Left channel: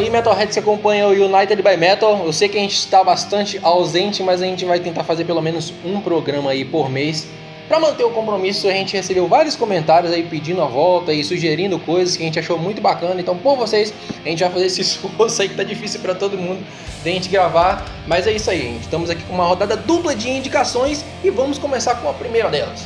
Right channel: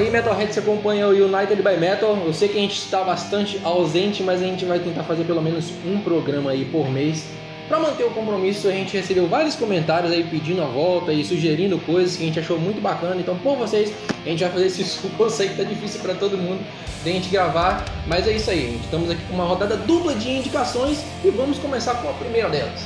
aí, Metalheads que acompanha o United by Metal. Eu sei que a gente está bastante ausente, mas a gente vai tentar fazer pelo menos um programa aí por mês. Para manter o compromisso, a gente recebeu vários comentários aí pedindo a volta e sugerindo coisas que a gente achou muito bacana. Então, por vocês, a gente vai fazer esse esforço aí que tá difícil para todo mundo de a gente gravar. Mas é isso aí, gente. Estamos aqui com uma rodada dupla de indicações e vamos começar com a primeira delas.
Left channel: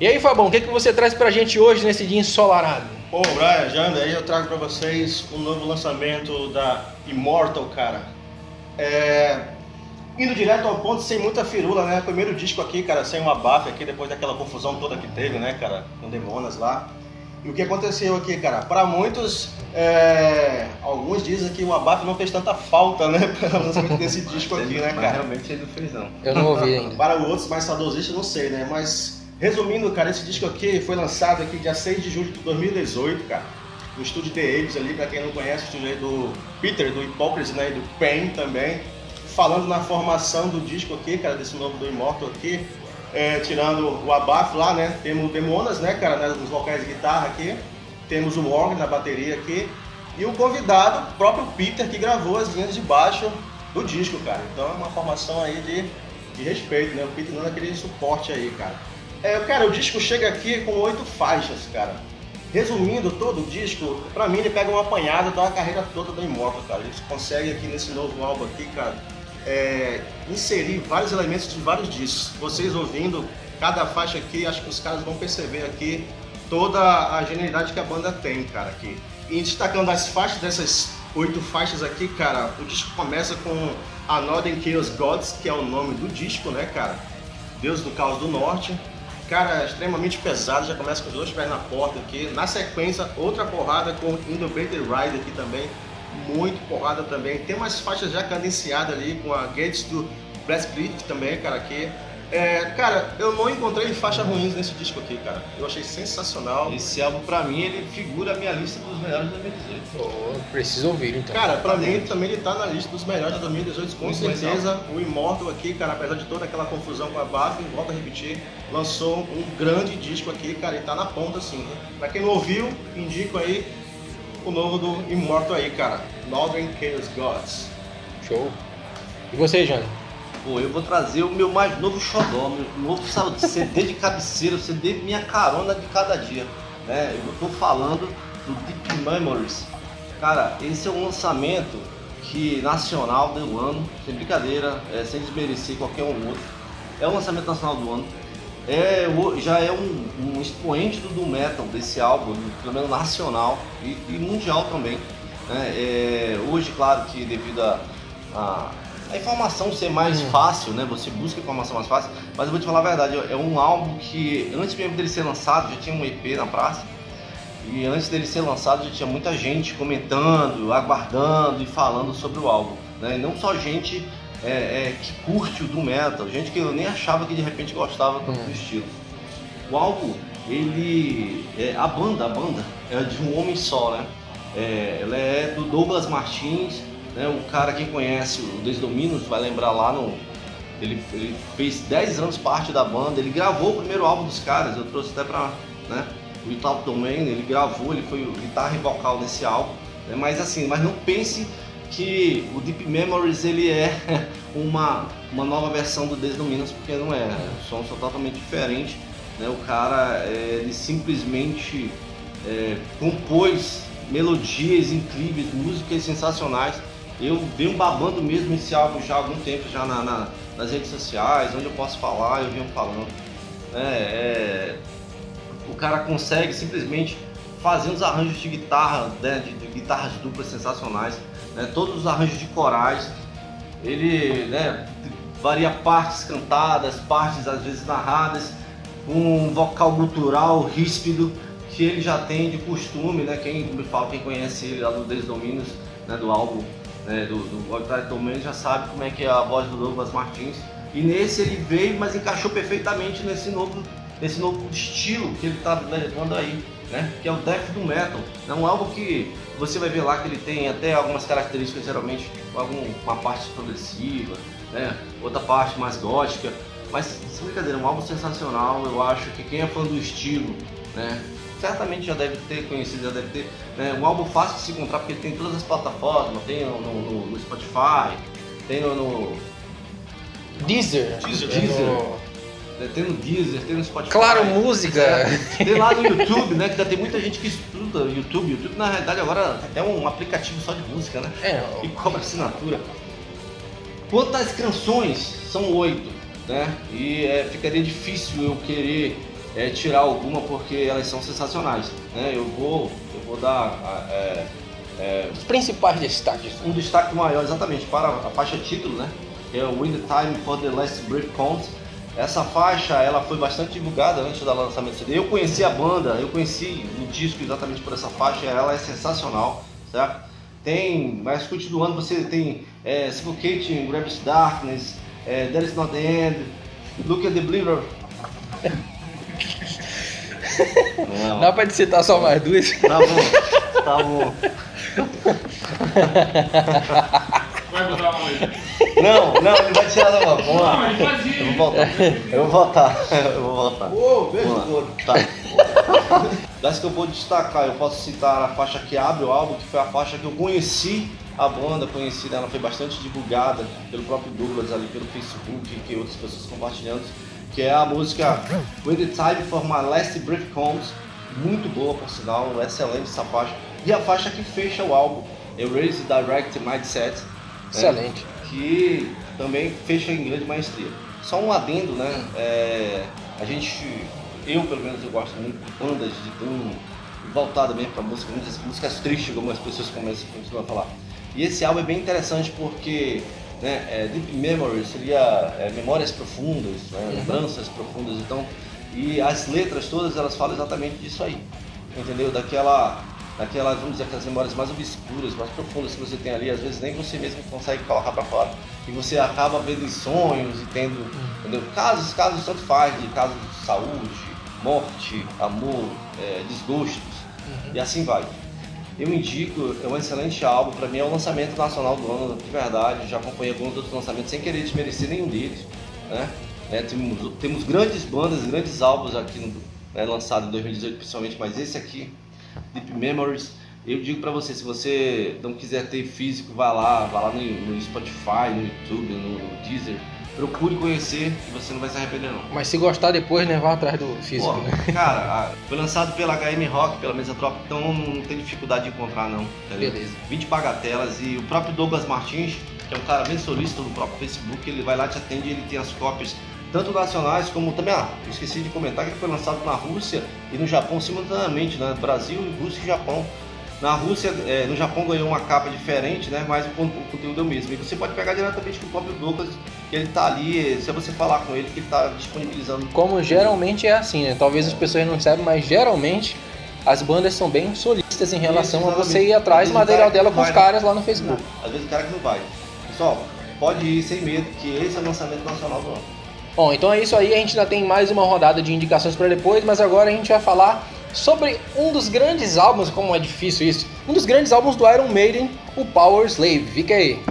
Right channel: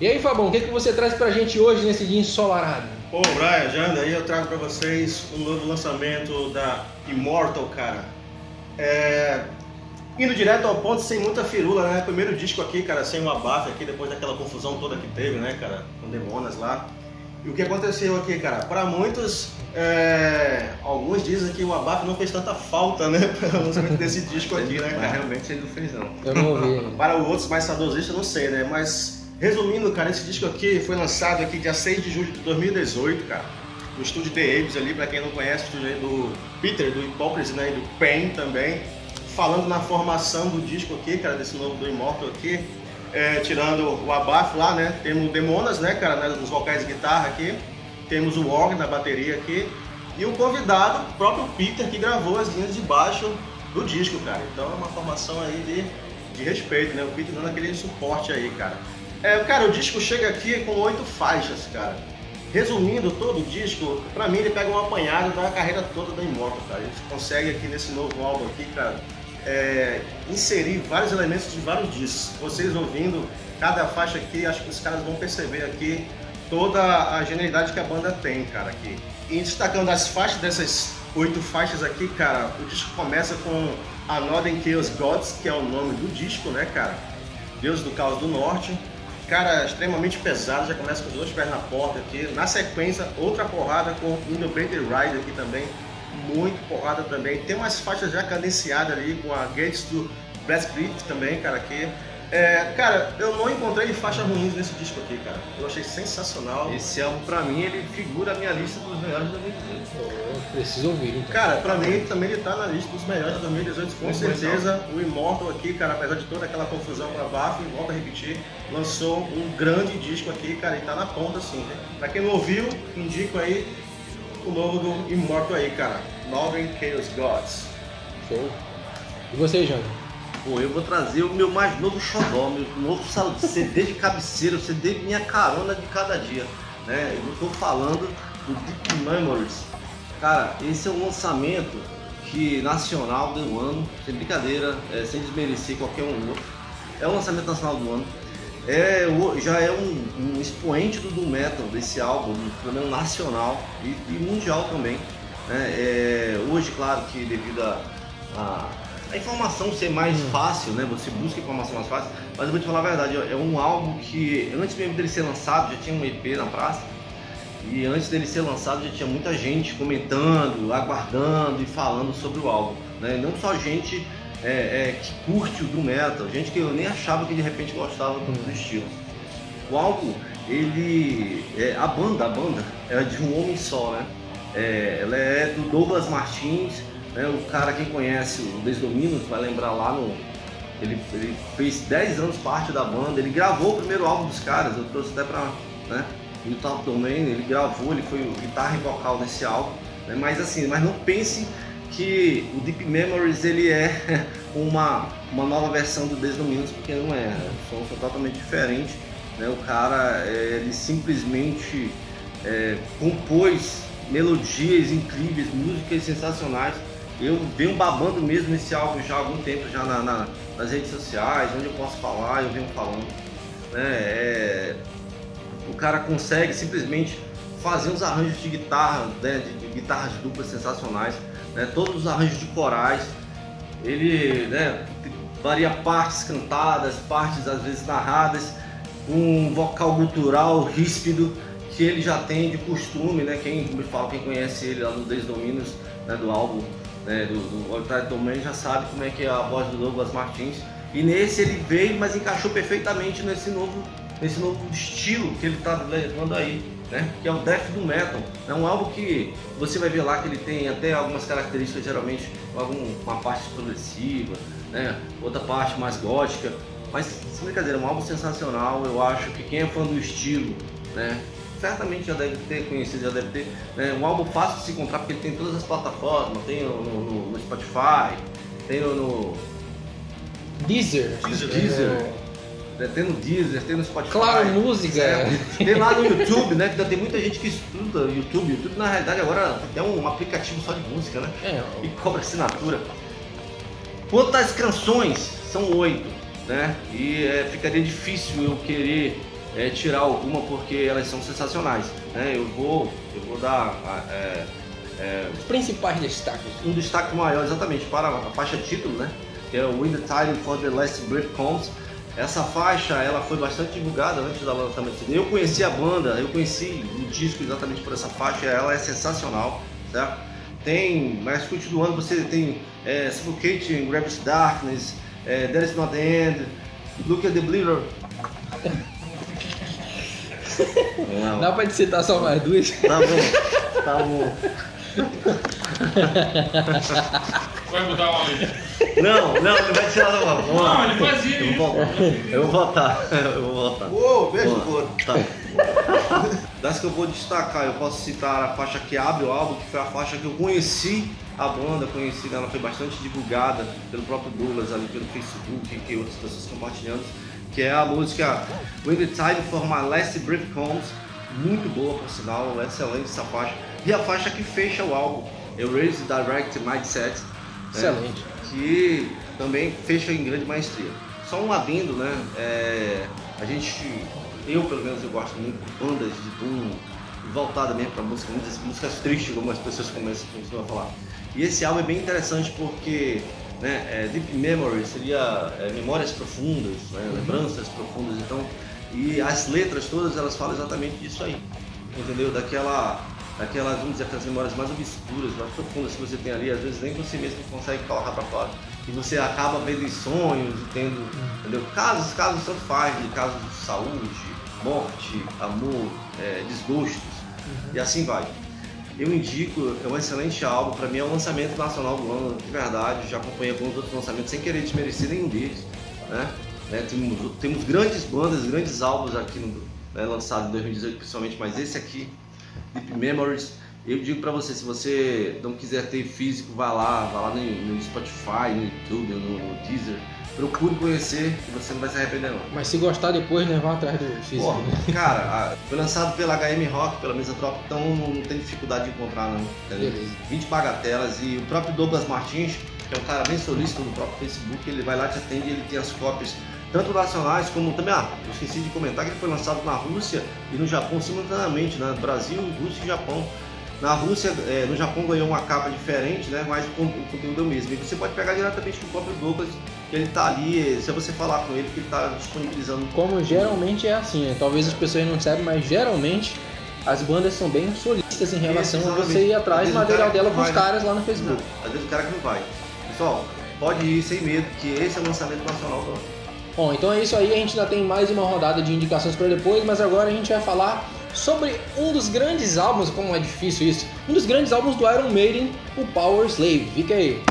E aí, Fabão, o que você traz pra gente hoje nesse dia ensolarado? Bom, Brian, Janda, aí eu trago pra vocês um novo lançamento da Immortal, cara. Indo direto ao ponto, sem muita firula, né? Primeiro disco aqui, cara, sem uma abafo aqui, depois daquela confusão toda que teve, né, cara? Com Demonas lá. E o que aconteceu aqui, cara? Para muitos, alguns dizem que o abafo não fez tanta falta, né? Para o lançamento desse disco aqui, né, cara? Mas realmente ele não fez, não. Eu não ouvi ainda. Para os outros mais saudosistas, não sei, né? Mas, resumindo, cara, esse disco aqui foi lançado aqui dia 6 de julho de 2018, cara. No estúdio The Abyss ali, pra quem não conhece, o estúdio aí do Peter, do Hypocrisy, né? E do Pain também. Falando na formação do disco aqui, cara, desse novo do Immortal aqui, tirando o abafo lá, né, temos o Demonas, né, cara, nos vocais de guitarra aqui, temos o órgão na bateria aqui, e o convidado, o próprio Peter, que gravou as linhas de baixo do disco, cara. Então é uma formação aí de respeito, né, o Peter dando aquele suporte aí, cara. Cara, o disco chega aqui com 8 faixas, cara. Resumindo todo o disco, pra mim ele pega um apanhado da carreira toda da Immortal, cara. A gente consegue aqui nesse novo álbum aqui, cara, inserir vários elementos de vários discos. Vocês ouvindo cada faixa aqui, acho que os caras vão perceber aqui toda a genialidade que a banda tem, cara, aqui. E destacando as faixas, dessas 8 faixas aqui, cara, o disco começa com A Northern Chaos Gods, que é o nome do disco, né, cara? Deus do Caos do Norte. Cara, extremamente pesado, já começa com os 2 pés na porta aqui. Na sequência, outra porrada com Innovator Ride aqui também. Muito porrada também. Tem umas faixas já cadenciadas ali com a Gates do Breastplate também, cara, aqui. Cara, eu não encontrei faixas ruins nesse disco aqui, cara. Eu achei sensacional. Esse álbum, pra mim, ele figura a minha lista dos melhores de 2018. Eu preciso ouvir, então. Cara, pra mim também ele tá na lista dos melhores de 2018, com certeza. O Immortal aqui, cara, apesar de toda aquela confusão com a BAF, volto a repetir, lançou um grande disco aqui, cara, e tá na ponta, assim, né? Pra quem não ouviu, indico aí o novo do Immortal aí, cara. Northern Chaos Gods. Show. E você, Jânio? Pô, eu vou trazer o meu mais novo xodó, meu novo CD de cabeceira, o CD minha carona de cada dia, né? Eu tô falando do Deep Memories. Cara, esse é um lançamento que nacional do ano, sem brincadeira, sem desmerecer qualquer um outro. É um lançamento nacional do ano. Já é um expoente do Doom Metal desse álbum, pelo menos nacional e mundial também, né? Hoje, claro que devido a informação ser mais fácil, né? Você busca informação mais fácil, mas eu vou te falar a verdade, é um álbum que antes mesmo dele ser lançado já tinha um EP na praça, e antes dele ser lançado já tinha muita gente comentando, aguardando e falando sobre o álbum, né? E não só gente que curte o Doom Metal, gente que eu nem achava que de repente gostava tanto do estilo. O álbum, a banda é de um homem só, né? Ela é do Douglas Martins, né? O cara, quem conhece o Desdominos vai lembrar lá ele fez 10 anos parte da banda, ele gravou o primeiro álbum dos caras, eu trouxe até pra, né, o Top Domain, ele gravou, ele foi o guitarra e vocal nesse álbum, né? Mas não pense que o Deep Memories ele é uma nova versão do Desdominos, porque não é, são totalmente diferentes, né? O cara, ele simplesmente compôs melodias incríveis, músicas sensacionais. Eu venho babando mesmo esse álbum já há algum tempo, já nas redes sociais, onde eu posso falar, eu venho falando, né? O cara consegue simplesmente fazer uns arranjos de guitarra, né, de guitarras duplas sensacionais, né? Todos os arranjos de corais, ele, né, varia partes cantadas, partes às vezes narradas, um vocal gutural ríspido que ele já tem de costume, né? Quem conhece ele lá do Desdominos, né, do álbum, né, do Outright Domain, já sabe como é que é a voz do Douglas Martins. E nesse ele veio, mas encaixou perfeitamente nesse novo estilo que ele está levando aí, né? Que é o Death Doom Metal. É um álbum que você vai ver lá que ele tem até algumas características, geralmente uma parte progressiva, né? Outra parte mais gótica. Mas, sem brincadeira, é um álbum sensacional. Eu acho que quem é fã do estilo, né, certamente já deve ter conhecido, já deve ter, né, um álbum fácil de se encontrar, porque ele tem todas as plataformas, tem no Spotify, tem no Deezer. Tem no Deezer, tem no Spotify. Claro, música. Tem lá no YouTube, né? Que ainda tem muita gente que estuda YouTube. YouTube, na realidade, agora é um aplicativo só de música, né? E cobra assinatura. Quantas canções? São 8, né? E ficaria difícil eu querer tirar alguma porque elas são sensacionais, né? Eu vou dar os principais destaques. Um destaque maior, exatamente, para a faixa título, né? Que é o When the Time for the Last Breath Comes. Essa faixa, ela foi bastante divulgada antes do lançamento do CD. Eu conheci a banda, eu conheci o disco exatamente por essa faixa, ela é sensacional, certo? Tem, mais escute do ano, você tem Suffocating, Gravis Darkness, There Is Not the End, Look at the Believer. Não. Dá pra citar só mais duas? Tá bom. Vai mudar uma lista. Não, ele vai tirar da mão. Vamos lá. Eu vou voltar. Uou, beijo no couro. Tá. Das que eu vou destacar, eu posso citar a faixa que abre o álbum, que foi a faixa que eu conheci a banda, ela foi bastante divulgada pelo próprio Douglas ali, pelo Facebook, que outras pessoas compartilhando, que é a música When the Time for My Last Breath Comes, muito boa por sinal, excelente essa faixa. E a faixa que fecha o álbum, Erase Direct Mindset, excelente, que também fecha em grande maestria. Só um adendo, né? Eu pelo menos eu gosto muito de bandas de doom voltada mesmo para música, muitas músicas tristes, como as pessoas costumam falar. E esse álbum é bem interessante porque, né, Deep Memory seria memórias profundas, né, lembranças profundas, então, e as letras todas elas falam exatamente disso aí, entendeu? Daquelas, vamos dizer, aquelas memórias mais obscuras, mais profundas que você tem ali, às vezes nem você mesmo consegue colocar para fora. E você acaba vendo em sonhos e tendo, entendeu? Casos tanto faz, de casos de saúde, morte, amor, desgostos, e assim vai. Eu indico, é um excelente álbum, para mim é o lançamento nacional do ano, de verdade, já acompanhei alguns outros lançamentos sem querer desmerecer nenhum deles, né? Temos grandes bandas, grandes álbuns aqui lançados em 2018 principalmente, mas esse aqui, Deep Memories, eu digo pra você, se você não quiser ter físico, vá lá no Spotify, no YouTube, no Deezer, procure conhecer que você não vai se arrepender não. Mas se gostar depois, né, vá atrás do físico. Pô, cara, foi lançado pela HM Rock, pela Mesa Tropa, então não tem dificuldade de encontrar não. Beleza. 20 bagatelas e o próprio Douglas Martins, que é um cara bem solícito no próprio Facebook, ele vai lá, te atende, ele tem as cópias tanto nacionais como também, eu esqueci de comentar que ele foi lançado na Rússia e no Japão simultaneamente, né? Brasil, Rússia e Japão. Na Rússia, no Japão ganhou uma capa diferente, né? Mas o conteúdo é o mesmo. E você pode pegar diretamente do próprio Douglas, que ele tá ali, se você falar com ele, que ele tá disponibilizando. Como geralmente é assim, né? Talvez as pessoas não saibam, mas geralmente as bandas são bem solistas em relação a você ir atrás do material dela com os caras lá no Facebook. Às vezes o cara que não vai. Pessoal, pode ir sem medo, que esse é o lançamento nacional do ano. Bom, então é isso aí, a gente ainda tem mais uma rodada de indicações para depois, mas agora a gente vai falar sobre um dos grandes álbuns, como é difícil isso, um dos grandes álbuns do Iron Maiden, o Power Slave. Fica aí.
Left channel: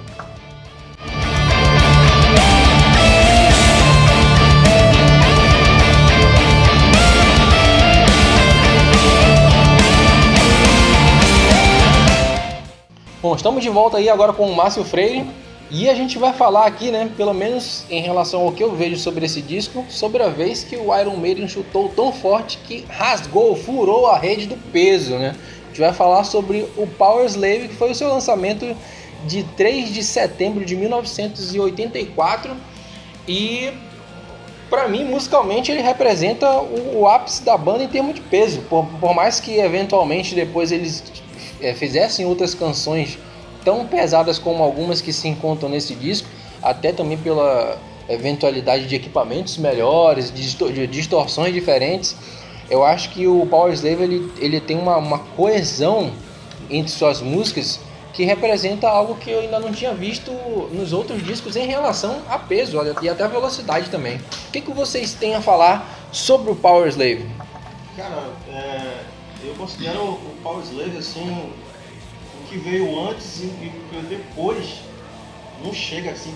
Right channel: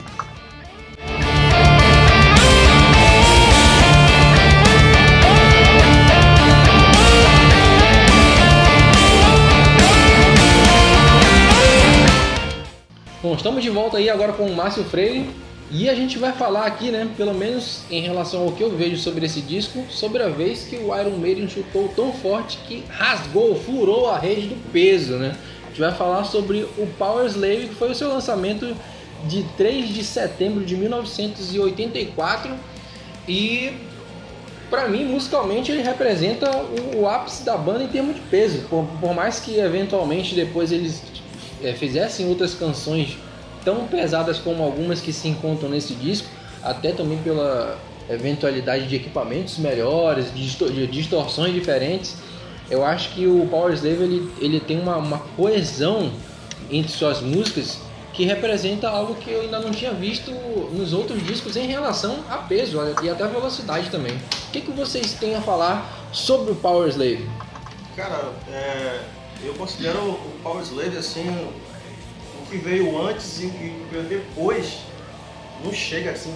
Bom, estamos de volta aí agora com o Márcio Freire. E a gente vai falar aqui, né, pelo menos em relação ao que eu vejo sobre esse disco, sobre a vez que o Iron Maiden chutou tão forte que rasgou, furou a rede do peso, né? A gente vai falar sobre o Power Slave, que foi o seu lançamento de 3 de setembro de 1984 e, pra mim, musicalmente, ele representa o ápice da banda em termos de peso, por mais que eventualmente depois eles fizessem outras canções tão pesadas como algumas que se encontram nesse disco, até também pela eventualidade de equipamentos melhores, de distorções diferentes. Eu acho que o Power Slave ele tem uma coesão entre suas músicas que representa algo que eu ainda não tinha visto nos outros discos em relação a peso e até a velocidade também. O que vocês têm a falar sobre o Power Slave? Cara, eu considero o Power Slave assim, que veio antes e depois não chega assim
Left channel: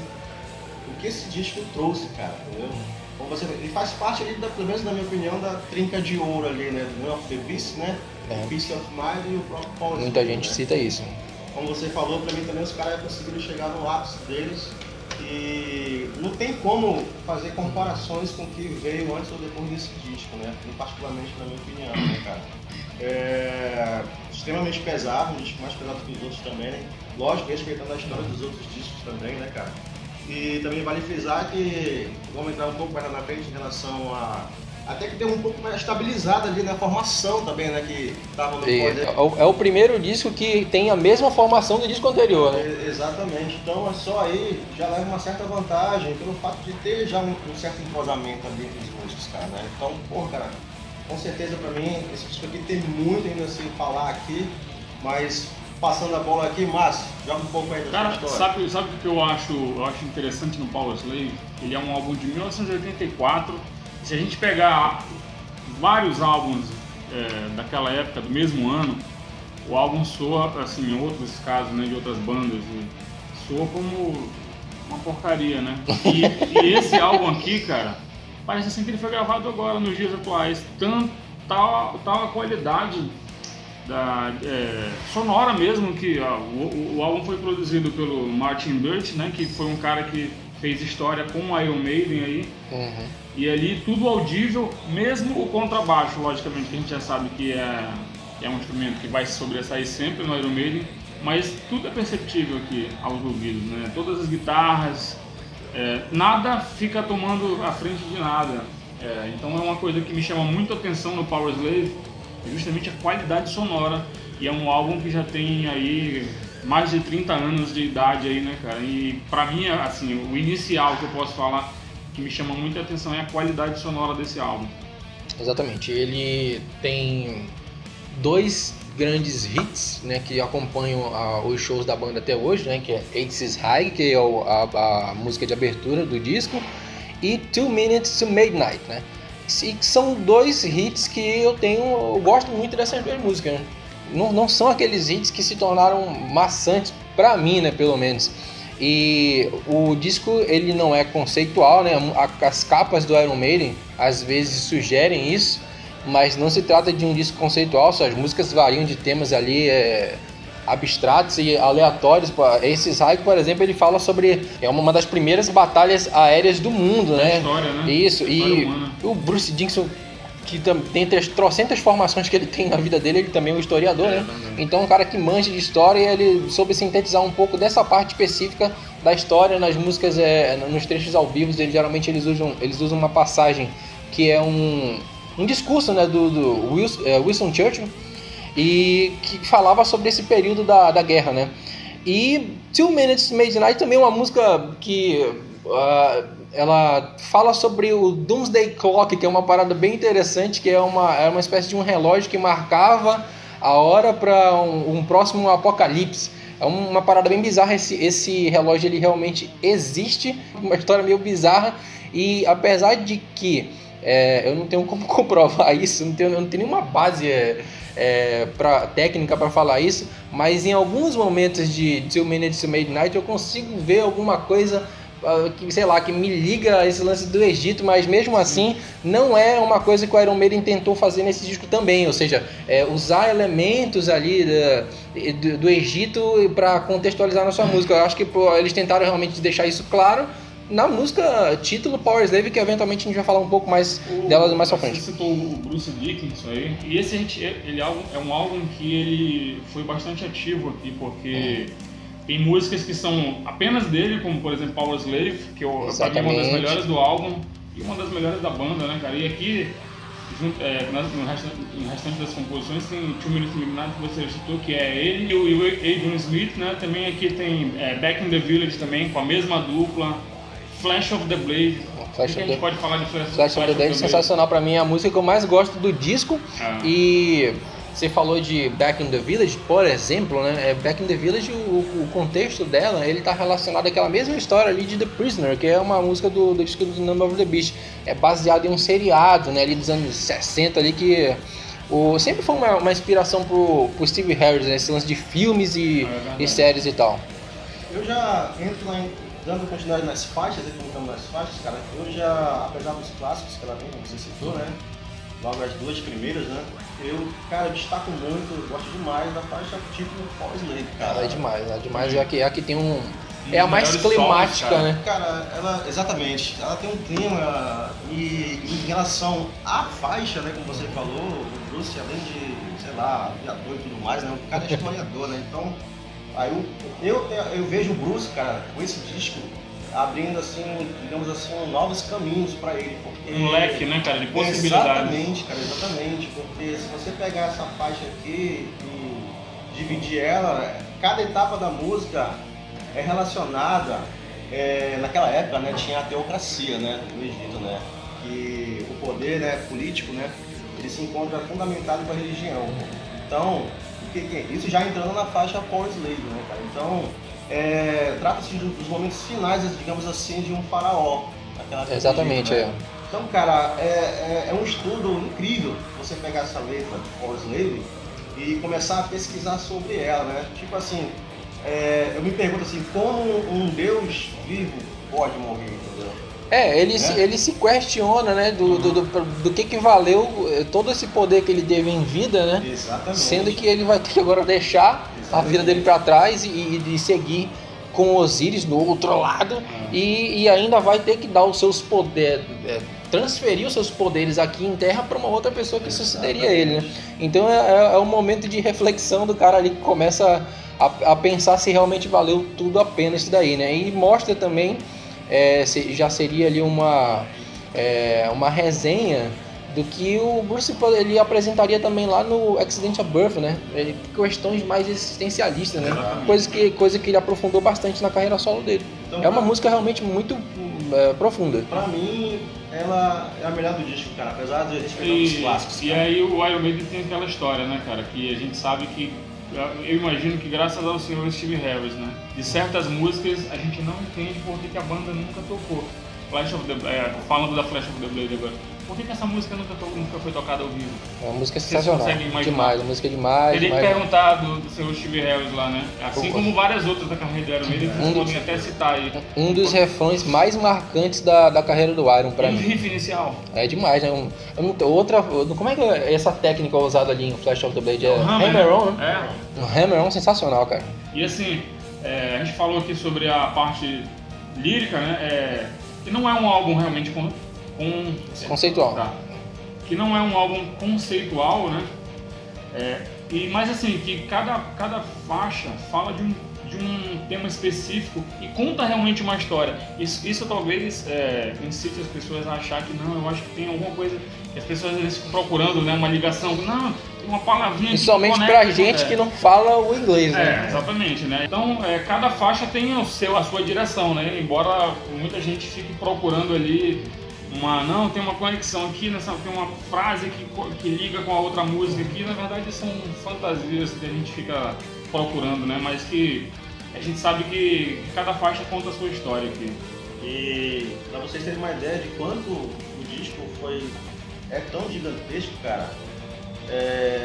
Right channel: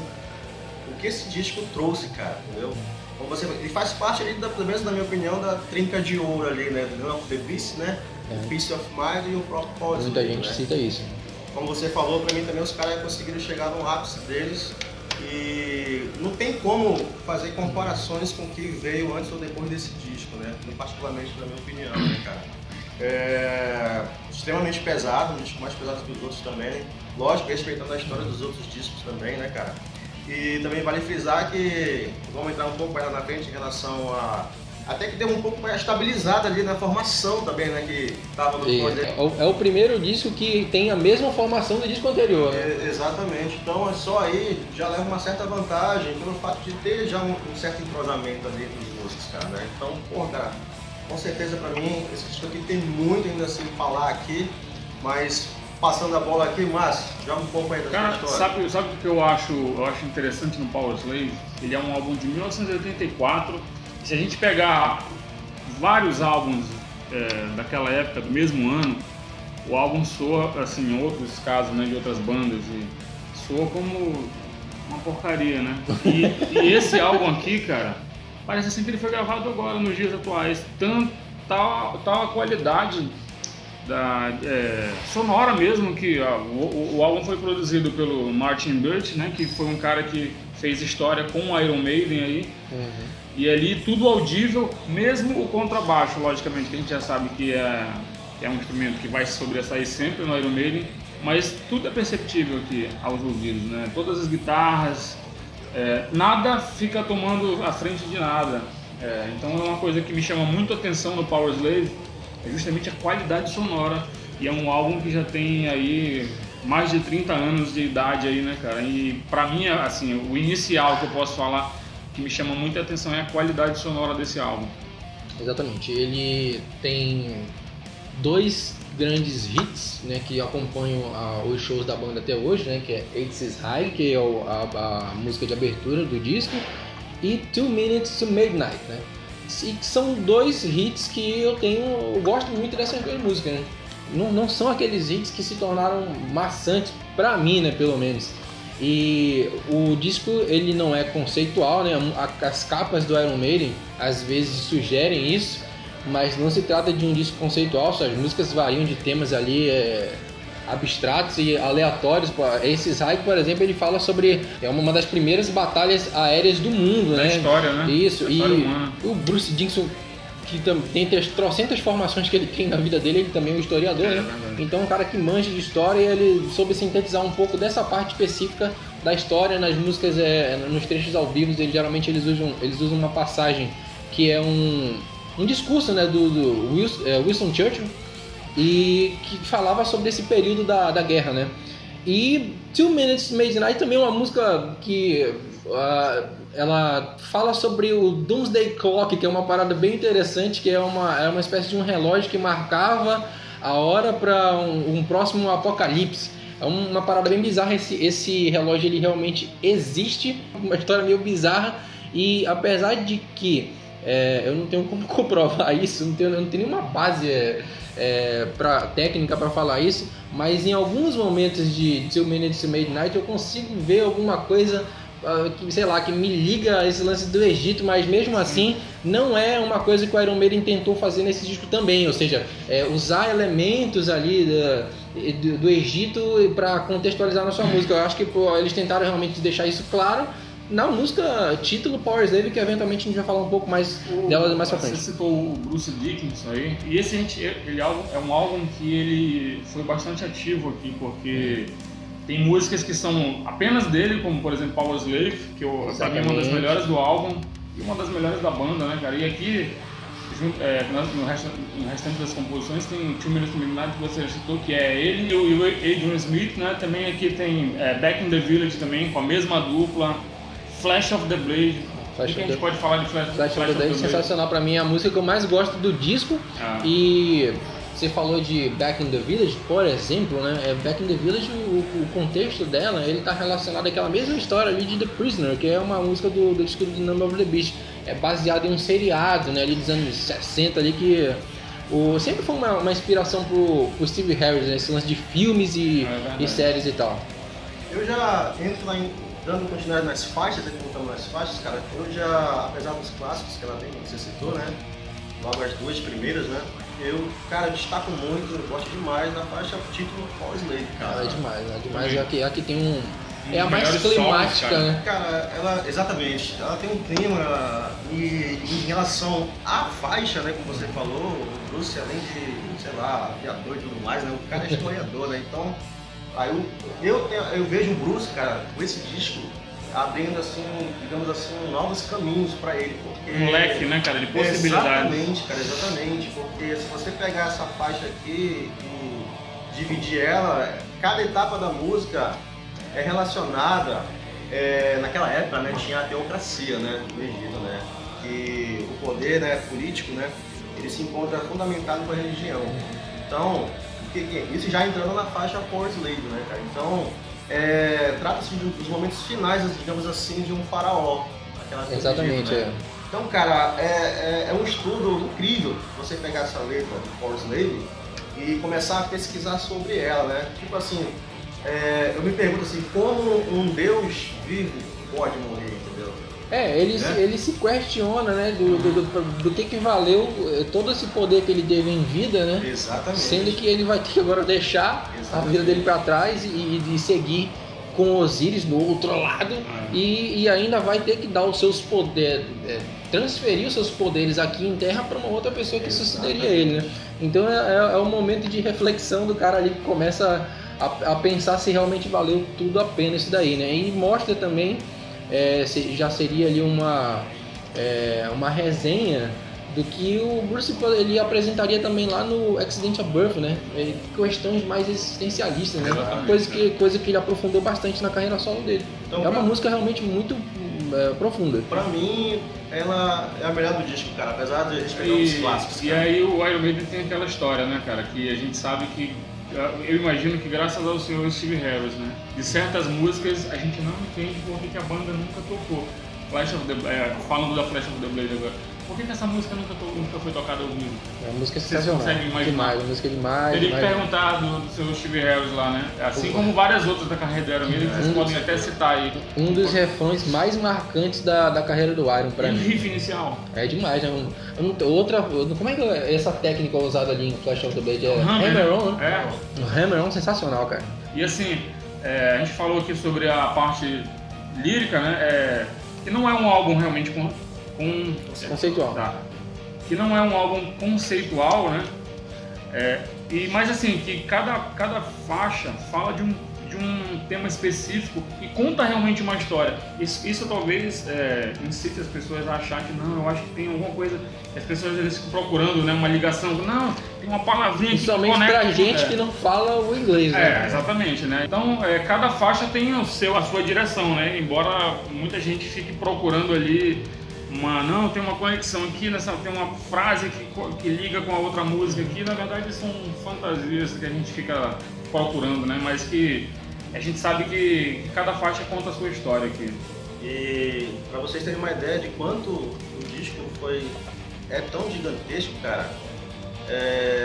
o que esse disco trouxe, cara, entendeu? Como você, ele faz parte ali, pelo menos na minha opinião, da trinca de ouro ali, né? Do Numb of the Beast, né? O Peace of Mind e o próprio Power Slave. Muita gente cita isso. Como você falou, pra mim também os caras conseguiram chegar no ápice deles e não tem como fazer comparações com o que veio antes ou depois desse disco, né? Particularmente na minha opinião, né, cara? É extremamente pesado, um disco mais pesado que os outros também, né? Lógico, respeitando a história dos outros discos também, né, cara? E também vale frisar que, vamos entrar um pouco mais na frente em relação a... Até que deu um pouco mais estabilizada ali na formação também, né, que tava no poder. É o primeiro disco que tem a mesma formação do disco anterior, né? Exatamente, então é só aí já leva uma certa vantagem pelo fato de ter já um certo entrosamento ali entre os músicos, cara, né? Então, porra, cara, com certeza pra mim, esse disco aqui tem muito ainda a se falar aqui, mas passando a bola aqui, Márcio, joga um pouco aí da Cara, sua história. sabe o que eu acho interessante no Power Slave? Ele é um álbum de 1984. Se a gente pegar vários álbuns daquela época, do mesmo ano, o álbum soa, assim, em outros casos, né, de outras bandas, e soa como uma porcaria, né? E esse álbum aqui, cara, parece assim que ele foi gravado agora, nos dias atuais. Tal a qualidade sonora mesmo, que o álbum foi produzido pelo Martin Birch, né, que foi um cara que fez história com o Iron Maiden aí. Uhum. E ali tudo audível, mesmo o contrabaixo, logicamente, que a gente já sabe que é um instrumento que vai se sobressair sempre no Iron Maiden, mas tudo é perceptível aqui aos ouvidos, né? Todas as guitarras, nada fica tomando a frente de nada. Então é uma coisa que me chama muito a atenção no Power Slave, é justamente a qualidade sonora, e é um álbum que já tem aí mais de 30 anos de idade aí, né, cara? E pra mim, assim, o inicial que eu posso falar que me chama muita atenção é a qualidade sonora desse álbum. Exatamente, ele tem 2 grandes hits, né, que acompanham os shows da banda até hoje, né, que é Aces High, que é a música de abertura do disco, e 2 Minutes to Midnight, né? E são 2 hits que eu gosto muito dessas 2 músicas, né? Não são aqueles hits que se tornaram maçantes pra mim, né, pelo menos. E o disco, ele não é conceitual, né? As capas do Iron Maiden às vezes sugerem isso, mas não se trata de um disco conceitual. As músicas variam de temas ali abstratos e aleatórios. Esse High, por exemplo, ele fala sobre uma das primeiras batalhas aéreas do mundo, né? Da história, né? Isso, história e humana. O Bruce Dickinson, que dentre as trocentas formações que ele tem na vida dele, ele também é um historiador, né? Verdade. Então, um cara que manja de história, e ele soube sintetizar um pouco dessa parte específica da história nas músicas, nos trechos ao vivo. Geralmente eles usam uma passagem que é um discurso, né, do Winston Churchill, e que falava sobre esse período da guerra, né? E 2 Minutes to Midnight também é uma música que ela fala sobre o Doomsday Clock, que é uma parada bem interessante, que é uma espécie de um relógio que marcava a hora para um próximo apocalipse. É uma parada bem bizarra. Esse relógio, ele realmente existe, uma história meio bizarra, e apesar de que eu não tenho como comprovar isso, eu não tenho nenhuma base técnica para falar isso, mas em alguns momentos de 2 Minutes to Midnight eu consigo ver alguma coisa que me liga a esse lance do Egito, mas mesmo assim não é uma coisa que o Iron Maiden tentou fazer nesse disco também, ou seja, usar elementos ali do Egito para contextualizar na sua música. Eu acho que eles tentaram realmente deixar isso claro na música título Power Slave, que eventualmente a gente vai falar um pouco mais dela mais pra frente. Você citou o Bruce Dickinson aí, e esse é um álbum que ele foi bastante ativo aqui, porque tem músicas que são apenas dele, como por exemplo Power Slave, que pra mim é uma das melhores do álbum e uma das melhores da banda, né, cara? E aqui, no restante das composições, tem 2 Minutes to Midnight, que você citou, que é ele e o Adrian Smith, né? Também aqui tem Back in the Village também, com a mesma dupla, Flash of the Blade. O que a gente pode falar de Flash of the Blade? Sensacional pra mim, é a música que eu mais gosto do disco. E você falou de Back in the Village, por exemplo, né? Back in the Village, o contexto dela, ele tá relacionado àquela mesma história ali de The Prisoner, que é uma música do disco do Numb of the Beast. É baseado em um seriado, né, ali dos anos 60 ali, que sempre foi uma inspiração pro Steve Harris, né? Esse lance de filmes e séries e tal. Eu já entro dando continuidade nas faixas, estamos nas faixas, cara, eu já, apesar dos clássicos que ela tem, como você citou, né? Logo as duas primeiras, né? Eu, cara, destaco muito, eu gosto demais da faixa título Power Slave, cara. É demais. Aqui tem um... É a Os mais melhores climática, solos, né? Cara, ela, exatamente, ela tem um clima e em relação à faixa, né, como você falou, o Bruce, além de, sei lá, aviador e tudo mais, né, o cara é historiador, né, então, aí eu vejo o Bruce, cara, com esse disco, abrindo, assim, digamos assim, novos caminhos pra ele, porque... Um leque, né, cara, de possibilidades. Exatamente, cara, exatamente, porque se você pegar essa faixa aqui e dividir ela, cada etapa da música é relacionada, naquela época, né, tinha a teocracia, né, no Egito, né, que o poder, né, político, né, ele se encontra fundamentado com a religião. Então, isso já entrando na faixa Power Slave, né, cara, então, trata-se dos momentos finais, digamos assim, de um faraó. Exatamente, né? Então, cara, é um estudo incrível você pegar essa letra de Power Slave e começar a pesquisar sobre ela, né, tipo assim, eu me pergunto assim, como um Deus vivo pode morrer, entendeu? Ele se questiona, né, do que valeu todo esse poder que ele teve em vida, né? Exatamente. Sendo que ele vai ter que agora deixar a vida dele para trás e seguir com Osíris do outro lado e ainda vai ter que dar os seus poderes, transferir os seus poderes aqui em Terra para uma outra pessoa que sucederia ele, né? Então é um momento de reflexão do cara ali que começa a pensar se realmente valeu tudo a pena isso daí, né? E mostra também, já seria ali uma resenha do que o Bruce ele apresentaria também lá no Accidental Birth, né? Questões mais existencialistas, né? Coisa que ele aprofundou bastante na carreira solo dele. Então, é uma música realmente muito profunda. Pra mim, ela é a melhor do disco, cara, apesar de a gente pegar os clássicos. E aí o Iron Maiden tem aquela história, né, cara, que a gente sabe que, eu imagino que graças ao senhor Steve Harris, né, de certas músicas a gente não entende por que a banda nunca tocou. Falando da Flash of the Blade agora, por que essa música nunca foi tocada ao vivo? É uma música sensacional. Vocês conseguem imaginar? Demais, a música é demais. Teria que perguntar do seu Steve Harris lá, né? Assim como várias outras da carreira do Iron Maiden, vocês podem até citar aí. Um dos refrões mais marcantes da carreira do Iron pra mim. mim. O riff inicial. É demais, né? Como é que é essa técnica usada ali em Flash of the Blade? É Hammer-On, né? Um Hammer-On sensacional, cara. E assim, a gente falou aqui sobre a parte lírica, né? Que não é um álbum realmente conceitual. Tá. Que não é um álbum conceitual, né? Mas assim, que cada faixa fala de um tema específico e conta realmente uma história. Isso talvez incite as pessoas a achar que não, eu acho que tem alguma coisa que as pessoas às vezes ficam procurando, né? Uma ligação, não, tem uma palavrinha que principalmente pra gente que não fala o inglês, né? Exatamente, né? Então, cada faixa tem a sua direção, né? Embora muita gente fique procurando ali tem uma conexão aqui, tem uma frase que liga com a outra música aqui, na verdade são fantasias que a gente fica procurando, né? Mas que a gente sabe que cada faixa conta a sua história aqui. E pra vocês terem uma ideia de quanto o disco é tão gigantesco, cara,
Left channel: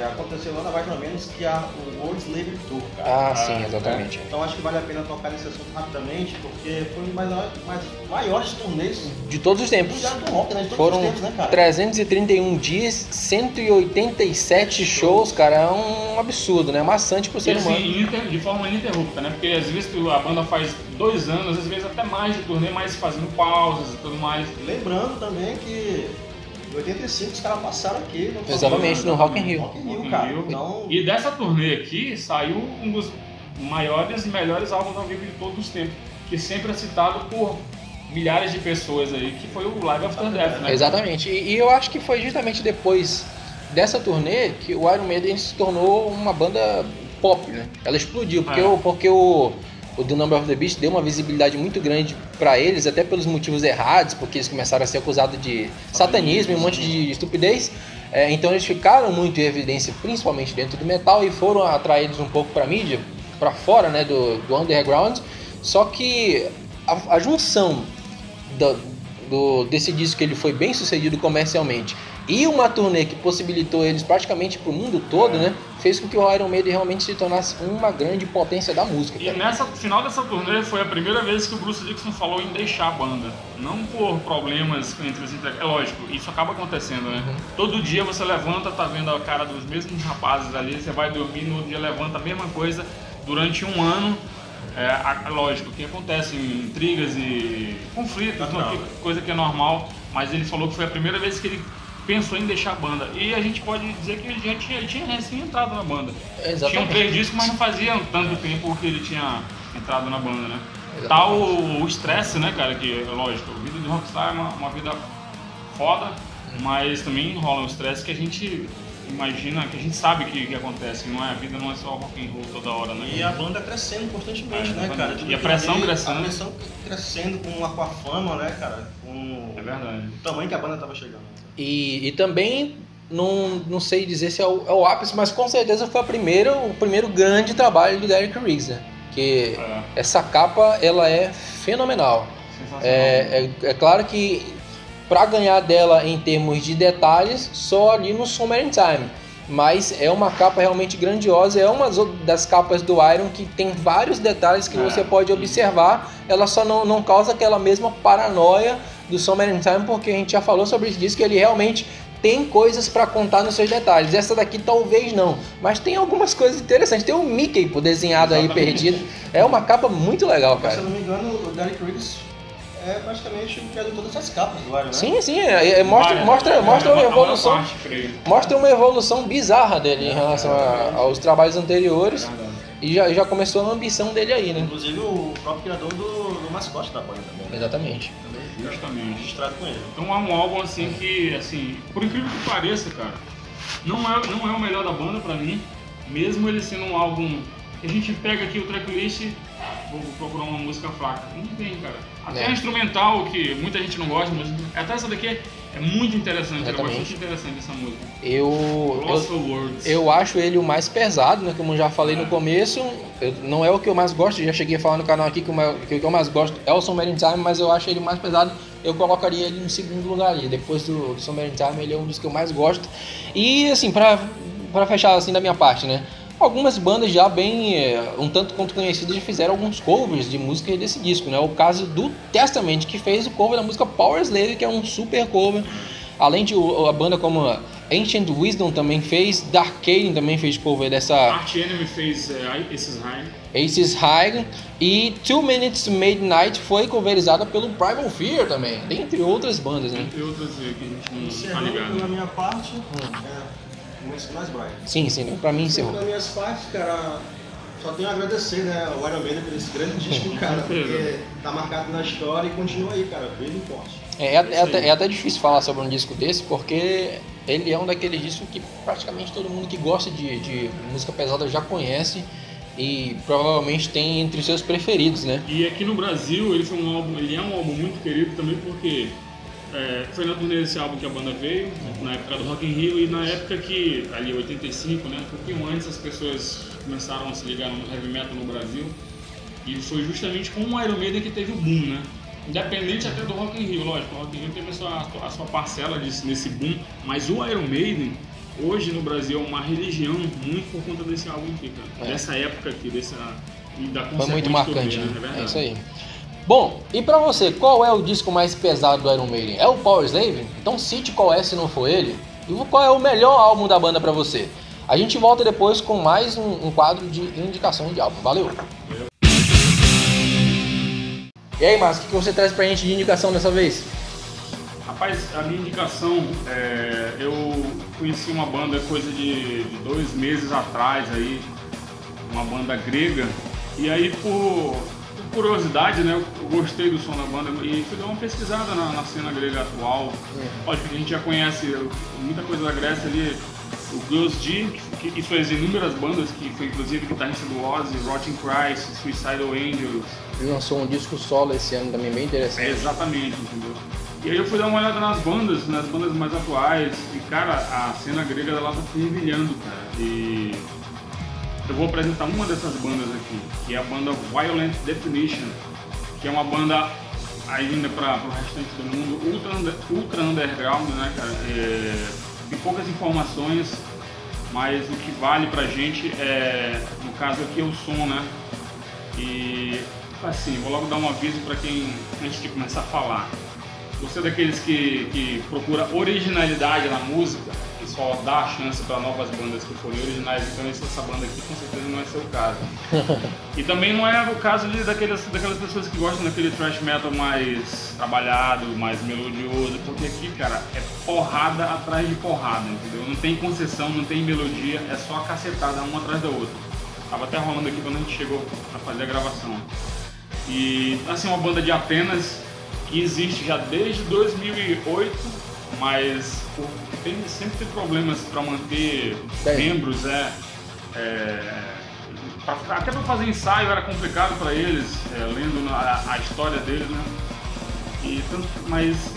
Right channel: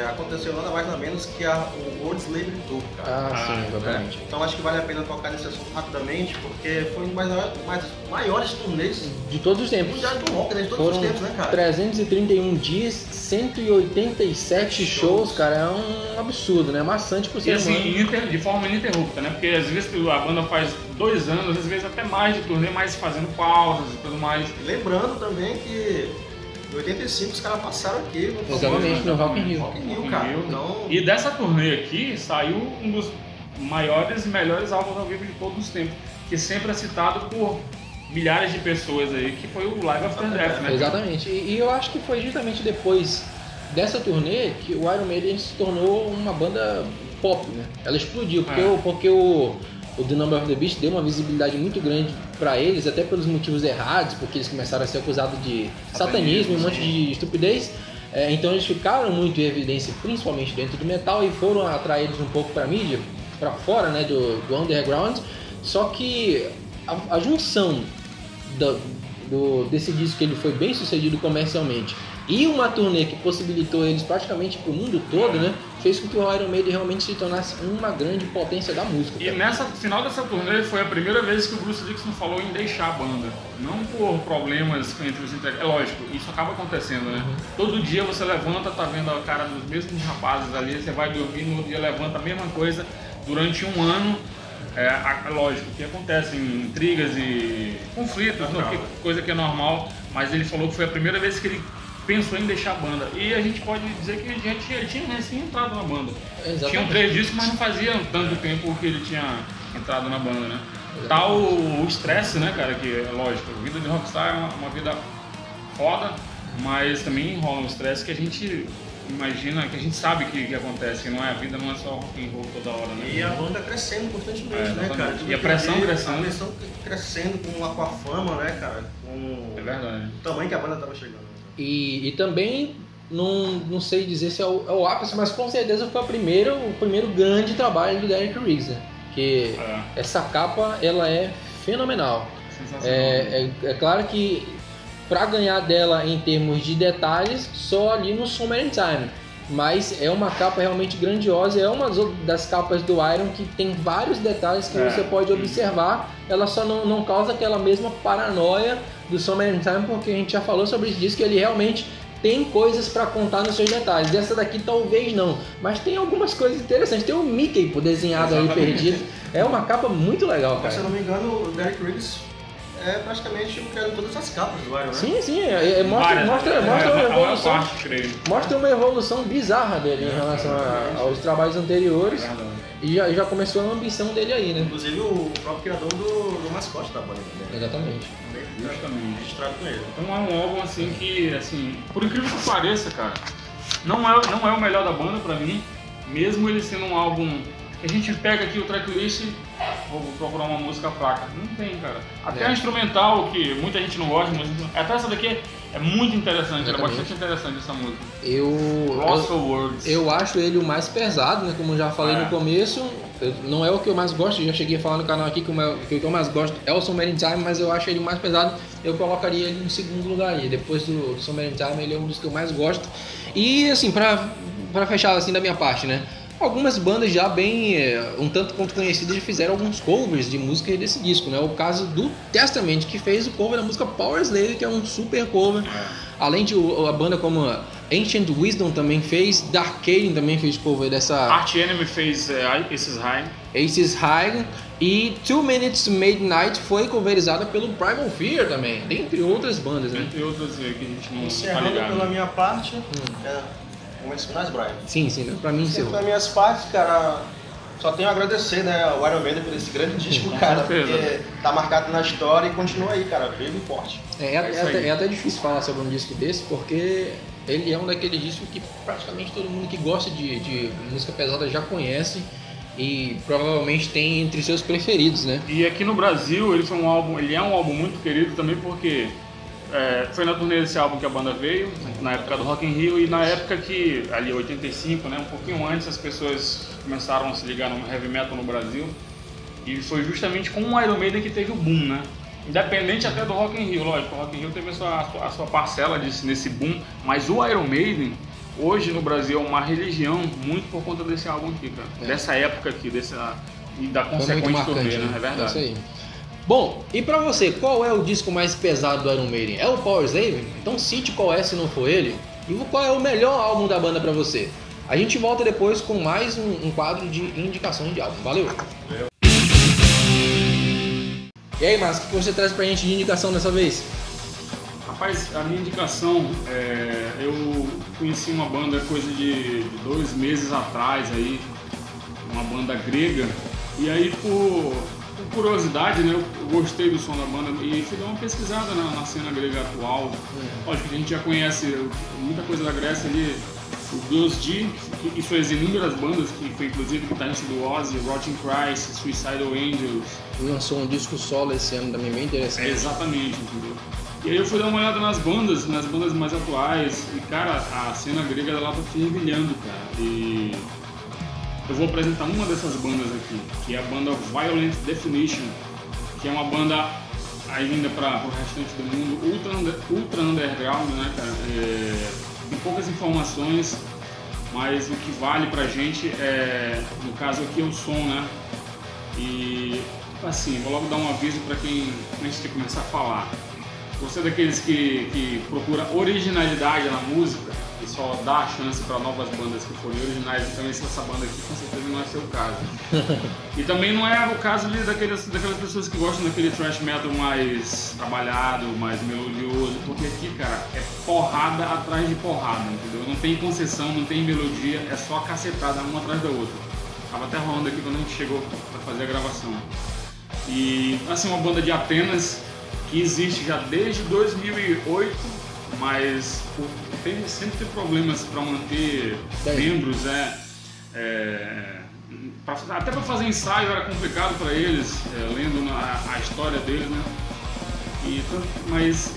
aconteceu nada mais nada menos que o World Slave Tour, cara. Sim, exatamente. Né? Então acho que vale a pena tocar nesse assunto rapidamente, porque foi um dos maiores turnês de todos os tempos. Do rock, né? De todos os tempos, né, cara? 331 dias, 187 shows, cara, é um absurdo, né? Maçante pro ser humano. E assim, de forma ininterrupta, né? Porque às vezes a banda faz 2 anos, às vezes até mais de turnê, mas fazendo pausas e tudo mais. Lembrando também que em 85 os caras passaram aqui no Rock in Rio. Cara. Então... E dessa turnê aqui saiu um dos maiores e melhores álbuns ao vivo de todos os tempos, que sempre é citado por milhares de pessoas aí, que foi o Live After Death, né? Exatamente. E eu acho que foi justamente depois dessa turnê que o Iron Maiden se tornou uma banda pop, né? Ela explodiu, porque o The Number of the Beast deu uma visibilidade muito grande pra eles, até pelos motivos errados, porque eles começaram a ser acusados de satanismo e um monte de estupidez. Então eles ficaram muito em evidência, principalmente dentro do metal, e foram atraídos um pouco pra mídia, pra fora, né, do underground. Só que a junção desse disco, que ele foi bem sucedido comercialmente, e uma turnê que possibilitou eles praticamente pro mundo todo, né? Fez com que o Iron Maiden realmente se tornasse uma grande potência da música. E nessa final dessa turnê foi a primeira vez que o Bruce Dickinson falou em deixar a banda. Não por problemas entre os integrantes. É lógico, isso acaba acontecendo, né? Todo dia você levanta, tá vendo a cara dos mesmos rapazes ali, você vai dormir, no outro dia levanta a mesma coisa durante um ano. Lógico que acontecem intrigas e conflitos, coisa que é normal, mas ele falou que foi a primeira vez que ele pensou em deixar a banda. E a gente pode dizer que ele tinha recém entrado na banda. Exatamente. Tinham 3 discos, mas não fazia tanto tempo que ele tinha entrado na banda, né? Tá o estresse, né, cara, que é lógico, a vida de rockstar é uma vida foda, mas também rola um estresse que a gente imagina, que a gente sabe que acontece, não é? A vida não é só rock and roll toda hora, né? E a banda crescendo constantemente, né, cara? E a pressão crescendo. A pressão crescendo com a fama, né, cara? É verdade. O tamanho que a banda tava chegando. Né? E também, não sei dizer se é o ápice, mas com certeza foi o primeiro grande trabalho do Derek Riggs, que essa capa, ela é fenomenal. Sensacional. É claro que para ganhar dela em termos de detalhes, só ali no Summer in Time. Mas é uma capa realmente grandiosa, é uma das capas do Iron que tem vários detalhes que você pode observar. Ela só não causa aquela mesma paranoia do Summer in Time, porque a gente já falou sobre isso, diz que ele realmente tem coisas para contar nos seus detalhes. Essa daqui talvez não, mas tem algumas coisas interessantes. Tem o Mickey desenhado aí perdido. É uma capa muito legal, cara. Mas se eu não me engano, o Derek Riggs é praticamente o criador de todas as capas do Iron, né? Sim, mostra uma evolução bizarra dele em relação aos trabalhos anteriores. E já começou a ambição dele aí, né? Inclusive o próprio criador do mascote da banda também. Né? Exatamente. Também justamente registrado com ele. Então é um álbum assim que, assim, por incrível que pareça, cara, não é o melhor da banda pra mim, mesmo ele sendo um álbum. A gente pega aqui o tracklist, vou procurar uma música fraca. Não tem, cara. Até a instrumental, que muita gente não gosta, mas até essa daqui é muito interessante. É bastante interessante essa música. Lost for Words. Eu acho ele o mais pesado, né? Como eu já falei no começo. Não é o que eu mais gosto, já cheguei a falar no canal aqui que o que eu mais gosto é o Summer in Time, mas eu acho ele o mais pesado. Eu colocaria ele no segundo lugar aí. Depois do Summer in Time, ele é um dos que eu mais gosto. E assim, pra fechar assim da minha parte, né? Algumas bandas já bem, um tanto quanto conhecidas, já fizeram alguns covers de música desse disco, né? O caso do Testament, que fez o cover da música Power Slave, que é um super cover. Além de a banda como Ancient Wisdom também fez, Dark Caden também fez cover dessa... Arch Enemy fez Aces High. E 2 Minutes to Midnight foi coverizada pelo Primal Fear também, dentre outras bandas, né? Dentre outras que a gente não tá ligado. Pela minha parte, momentos finais, Brian. Sim, pra mim encerrou. Pelas minhas partes, cara, só tenho a agradecer, né, o Iron Maiden por esse grande disco, cara, porque tá marcado na história e continua aí, cara, vivo e forte. É até difícil falar sobre um disco desse, porque ele é um daqueles discos que praticamente todo mundo que gosta de música pesada já conhece e provavelmente tem entre os seus preferidos, né? E aqui no Brasil ele é um álbum muito querido também porque foi na turnê desse álbum que a banda veio, na época do Rock in Rio, e na época que, ali 85, né, um pouquinho antes, as pessoas começaram a se ligar no heavy metal no Brasil, e foi justamente com o Iron Maiden que teve o boom, né? Independente até do Rock in Rio, lógico, o Rock in Rio teve a sua parcela nesse boom, mas o Iron Maiden, hoje no Brasil, é uma religião muito por conta desse álbum aqui, cara. Dessa época aqui, e da consequente turnê, né? É verdade. É isso aí. Bom, e pra você, qual é o disco mais pesado do Iron Maiden? É o Power Slave? Então cite qual é se não for ele. E qual é o melhor álbum da banda pra você? A gente volta depois com mais um quadro de indicação de álbum. Valeu! E aí, Márcio, o que você traz pra gente de indicação dessa vez? Rapaz, a minha indicação, eu conheci uma banda coisa de 2 meses atrás aí, uma banda grega, e aí por curiosidade, né, eu gostei do som da banda e fui dar uma pesquisada na cena grega atual. Lógico que a gente já conhece muita coisa da Grécia ali, o Girls G, que fez inúmeras bandas, que foi inclusive guitarrista do Ozzy, Rotting Christ, Suicidal Angels. Ele lançou um disco solo esse ano também, bem interessante. Exatamente, entendeu? E aí eu fui dar uma olhada nas bandas mais atuais, e cara, a cena grega ela tá fervilhando, cara. E eu vou apresentar uma dessas bandas aqui, que é a banda Violent Definition, que é uma banda ainda para o restante do mundo, ultra underground, né, cara? Tem poucas informações, mas o que vale pra gente é, no caso aqui, é o som, né? E assim, vou logo dar um aviso para quem, antes de começar a falar. Você é daqueles que procura originalidade na música e só dá a chance para novas bandas que forem originais, então essa banda aqui com certeza não é seu caso. E também não é o caso daquelas pessoas que gostam daquele thrash metal mais trabalhado, mais melodioso, porque aqui, cara, é porrada atrás de porrada, entendeu? Não tem concessão, não tem melodia, é só cacetada uma atrás da outra. Tava até rolando aqui quando a gente chegou para fazer a gravação. E assim, uma banda de Atenas que existe já desde 2008, mas sempre tem problemas para manter membros, até para fazer ensaio era complicado para eles, lendo a história deles, né? Mas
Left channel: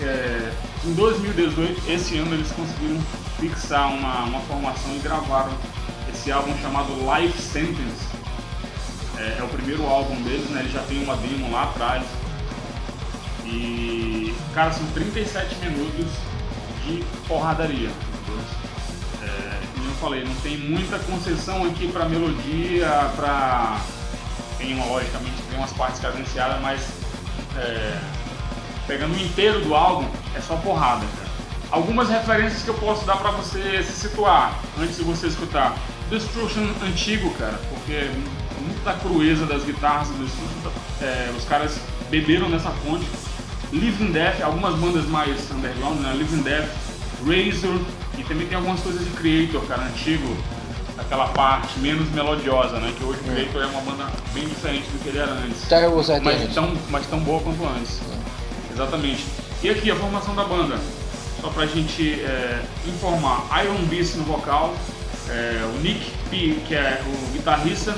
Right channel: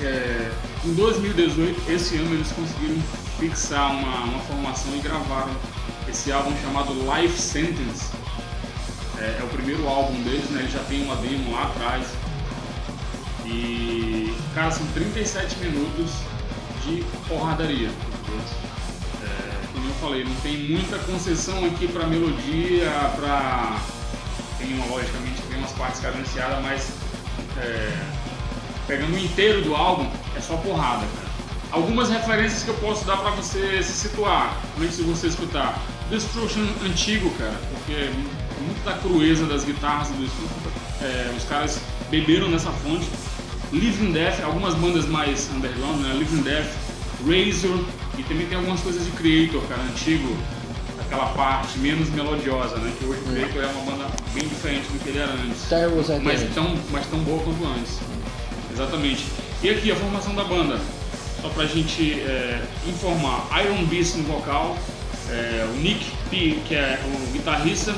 em 2018, esse ano, eles conseguiram fixar uma formação e gravaram esse álbum chamado Life Sentence. É o primeiro álbum deles, né? Ele já tem uma demo lá atrás. E, cara, são 37 minutos de porradaria. Como eu falei, não tem muita concessão aqui pra melodia, logicamente, tem umas partes cadenciadas, mas pegando o inteiro do álbum, é só porrada, cara. Algumas referências que eu posso dar pra você se situar, antes de você escutar. Destruction antigo, cara, porque muito da crueza das guitarras do Destruction, os caras beberam nessa fonte. Living Death, algumas bandas mais underground, né? Living Death, Razor, e também tem algumas coisas de Creator, cara, antigo, aquela parte menos melodiosa, né? Que hoje o Creator é uma banda bem diferente do que ele era antes, mas tão boa quanto antes. Exatamente. E aqui a formação da banda, só pra gente informar: Iron Beast no vocal, o Nick P, que é o guitarrista,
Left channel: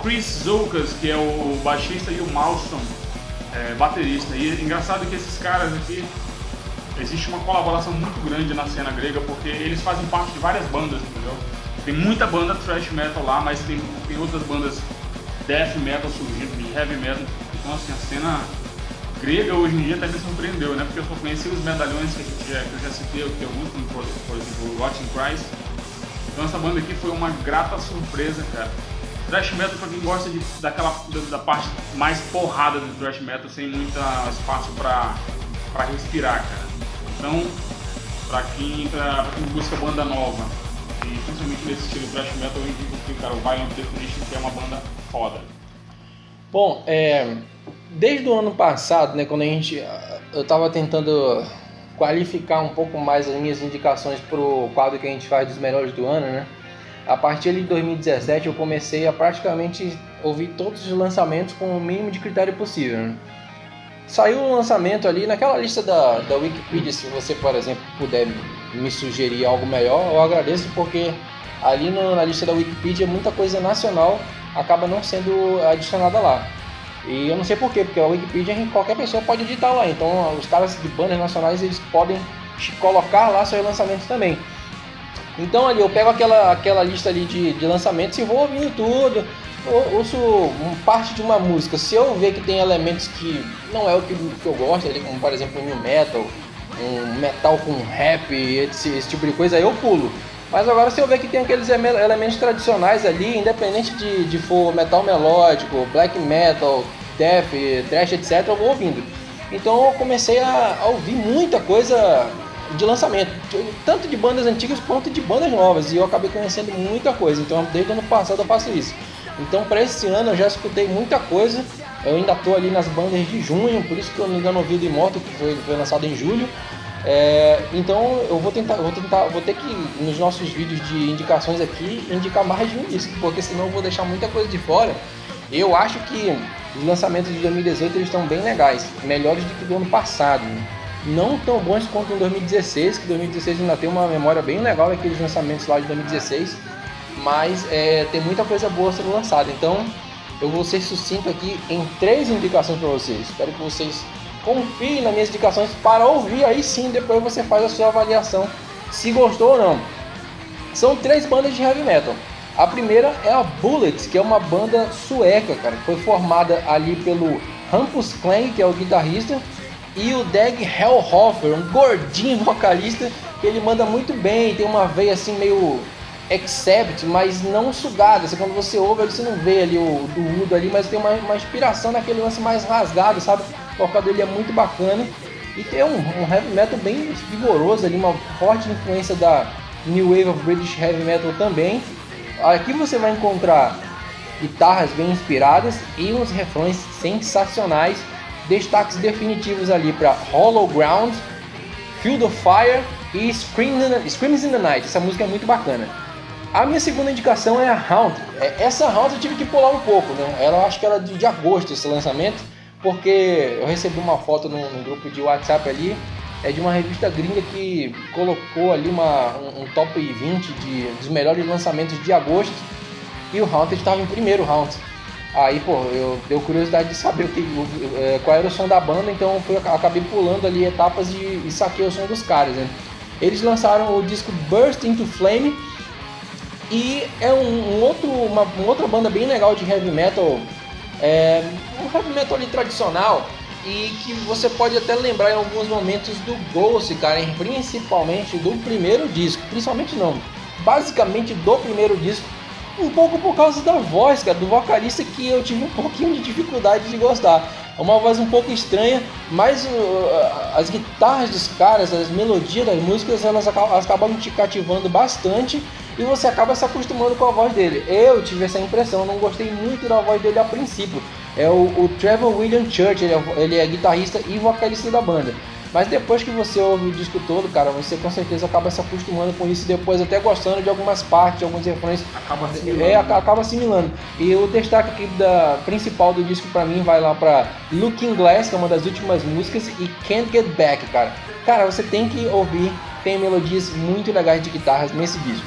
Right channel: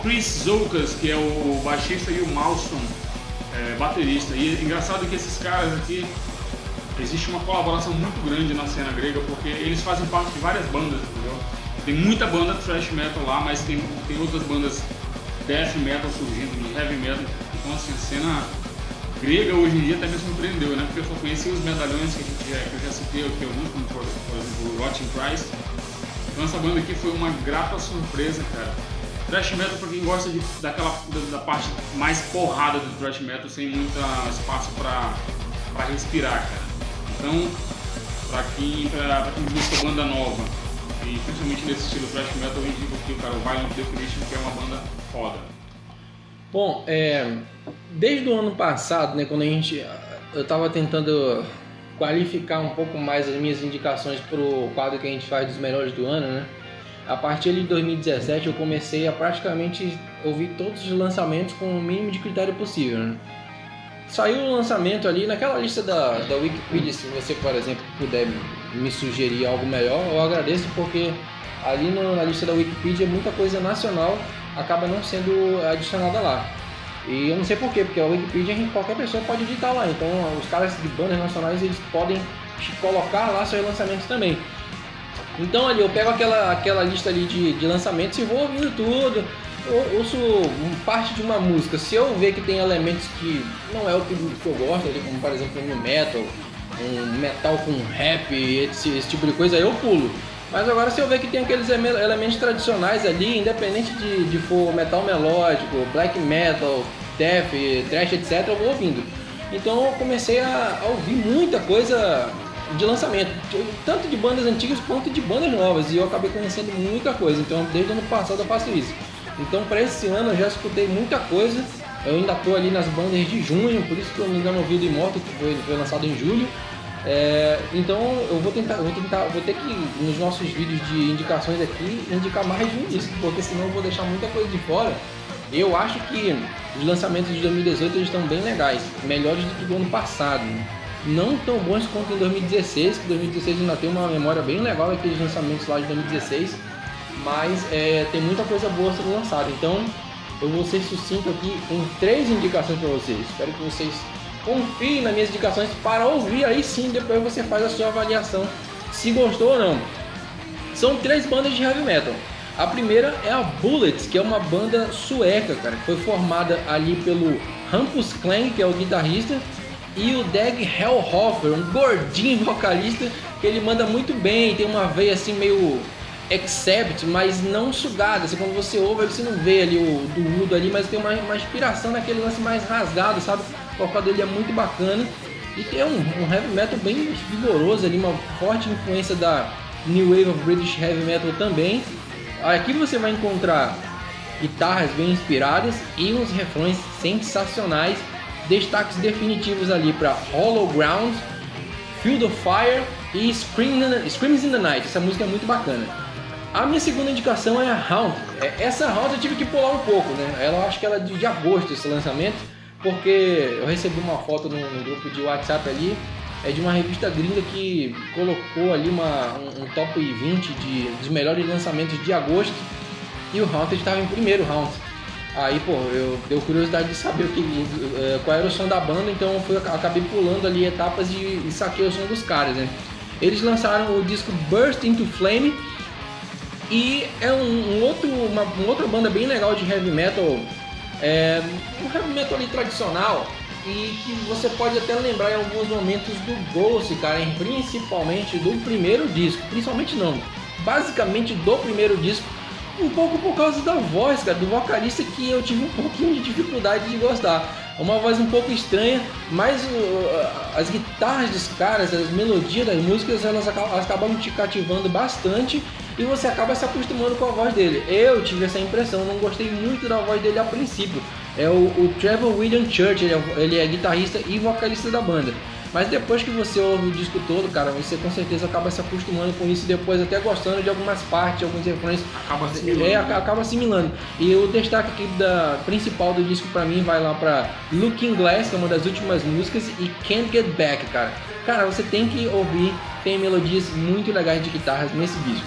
Chris Zoukas, que é o baixista, e o Malston, baterista. E é engraçado que esses caras aqui, existe uma colaboração muito grande na cena grega, porque eles fazem parte de várias bandas, entendeu? Tem muita banda thrash metal lá, mas tem outras bandas death metal surgindo, de heavy metal. Então assim, a cena grega hoje em dia até me surpreendeu, né? Porque eu só conheci os medalhões que eu já citei aqui, alguns, como por exemplo o Rotting Christ. Então essa banda aqui foi uma grata surpresa, cara. Thrash metal pra quem gosta da parte mais porrada do thrash metal, sem muito espaço pra respirar, cara. Então, pra quem busca banda nova, e principalmente nesse estilo thrash metal, eu indico aqui, cara, o Violent Definition, que é uma banda foda. Bom, desde o ano passado, né, quando eu tava tentando qualificar um pouco mais as minhas indicações pro quadro que a gente faz dos melhores do ano, né? A partir de 2017 eu comecei a praticamente ouvir todos os lançamentos com o mínimo de critério possível, né? Saiu um lançamento ali naquela lista da Wikipedia. Se você, por exemplo, puder me sugerir algo melhor, eu agradeço, porque ali na lista da Wikipedia muita coisa nacional acaba não sendo adicionada lá. E eu não sei porquê, porque a Wikipedia qualquer pessoa pode editar lá, então os caras de bandas nacionais eles podem colocar lá seus lançamentos também. Então ali eu pego aquela lista ali de lançamentos e vou ouvindo tudo, eu ouço parte de uma música. Se eu ver que tem elementos que não é o que eu gosto, como por exemplo um metal com rap, esse tipo de coisa, aí eu pulo. Mas agora se eu ver que tem aqueles elementos tradicionais ali, independente de for metal melódico, black metal, death, thrash, etc, eu vou ouvindo. Então eu comecei a ouvir muita coisa de lançamento, tanto de bandas antigas quanto de bandas novas, e eu acabei conhecendo muita coisa. Então desde o ano passado eu faço isso. Então para esse ano eu já escutei muita coisa. Eu ainda estou ali nas bandas de junho, por isso que eu ainda não ouvi do Immortal, que foi lançado em julho. Então eu vou ter que, nos nossos vídeos de indicações aqui, indicar mais de um disco, porque senão eu vou deixar muita coisa de fora. Eu acho que os lançamentos de 2018 eles estão bem legais, melhores do que do ano passado, né? Não tão bons quanto em 2016, que 2016 ainda tem uma memória bem legal daqueles lançamentos lá de 2016, mas tem muita coisa boa sendo lançada. Então eu vou ser sucinto aqui em 3 indicações para vocês. Espero que vocês confiem nas minhas indicações para ouvir, aí sim depois você faz a sua avaliação se gostou ou não. São 3 bandas de heavy metal. A primeira é a Bullets, que é uma banda sueca, cara, que foi formada ali pelo Hampus Klang, que é o guitarrista, e o Dag Hellhofer, um gordinho vocalista, que ele manda muito bem, tem uma veia assim meio Accept, mas não sugada. Assim, quando você ouve, você não vê ali o doído ali, mas tem uma inspiração naquele lance mais rasgado, sabe? O vocal dele é muito bacana e tem um heavy metal bem vigoroso ali, uma forte influência da New Wave of British Heavy Metal também. Aqui você vai encontrar guitarras bem inspiradas e uns refrões sensacionais. Destaques definitivos ali para Hollow Ground, Field of Fire e Screams in the Night. Essa música é muito bacana. A minha segunda indicação é a Haunt. Essa Haunt eu tive que pular um pouco, né? Ela, acho que ela é de agosto esse lançamento, porque eu recebi uma foto no grupo de WhatsApp ali, é de uma revista gringa que colocou ali um top 20 dos melhores lançamentos de agosto, e o Haunted estava em primeiro, Haunt. Aí, pô, eu deu curiosidade de saber qual era o som da banda, então eu acabei pulando ali etapas e saquei o som dos caras, né? Eles lançaram o disco Burst into Flame, e é uma outra banda bem legal de heavy metal, um heavy metal ali tradicional, e que você pode até lembrar em alguns momentos do Ghost, cara, principalmente do primeiro disco, basicamente do primeiro disco, um pouco por causa da voz, cara, do vocalista, que eu tive um pouquinho de dificuldade de gostar. Uma voz um pouco estranha, mas as guitarras dos caras, as melodias das músicas, elas acabam te cativando bastante e você acaba se acostumando com a voz dele. Eu tive essa impressão, eu não gostei muito da voz dele a princípio. É o Trevor William Church, ele é guitarrista e vocalista da banda. Mas depois que você ouve o disco todo, cara, você com certeza acaba se acostumando com isso e depois até gostando de algumas partes, alguns refrões. Acaba assimilando. Acaba assimilando. E o destaque aqui principal do disco pra mim vai lá pra Looking Glass, que é uma das últimas músicas, e Can't Get Back, cara. Cara, você tem que ouvir, tem melodias muito legais de guitarras nesse disco.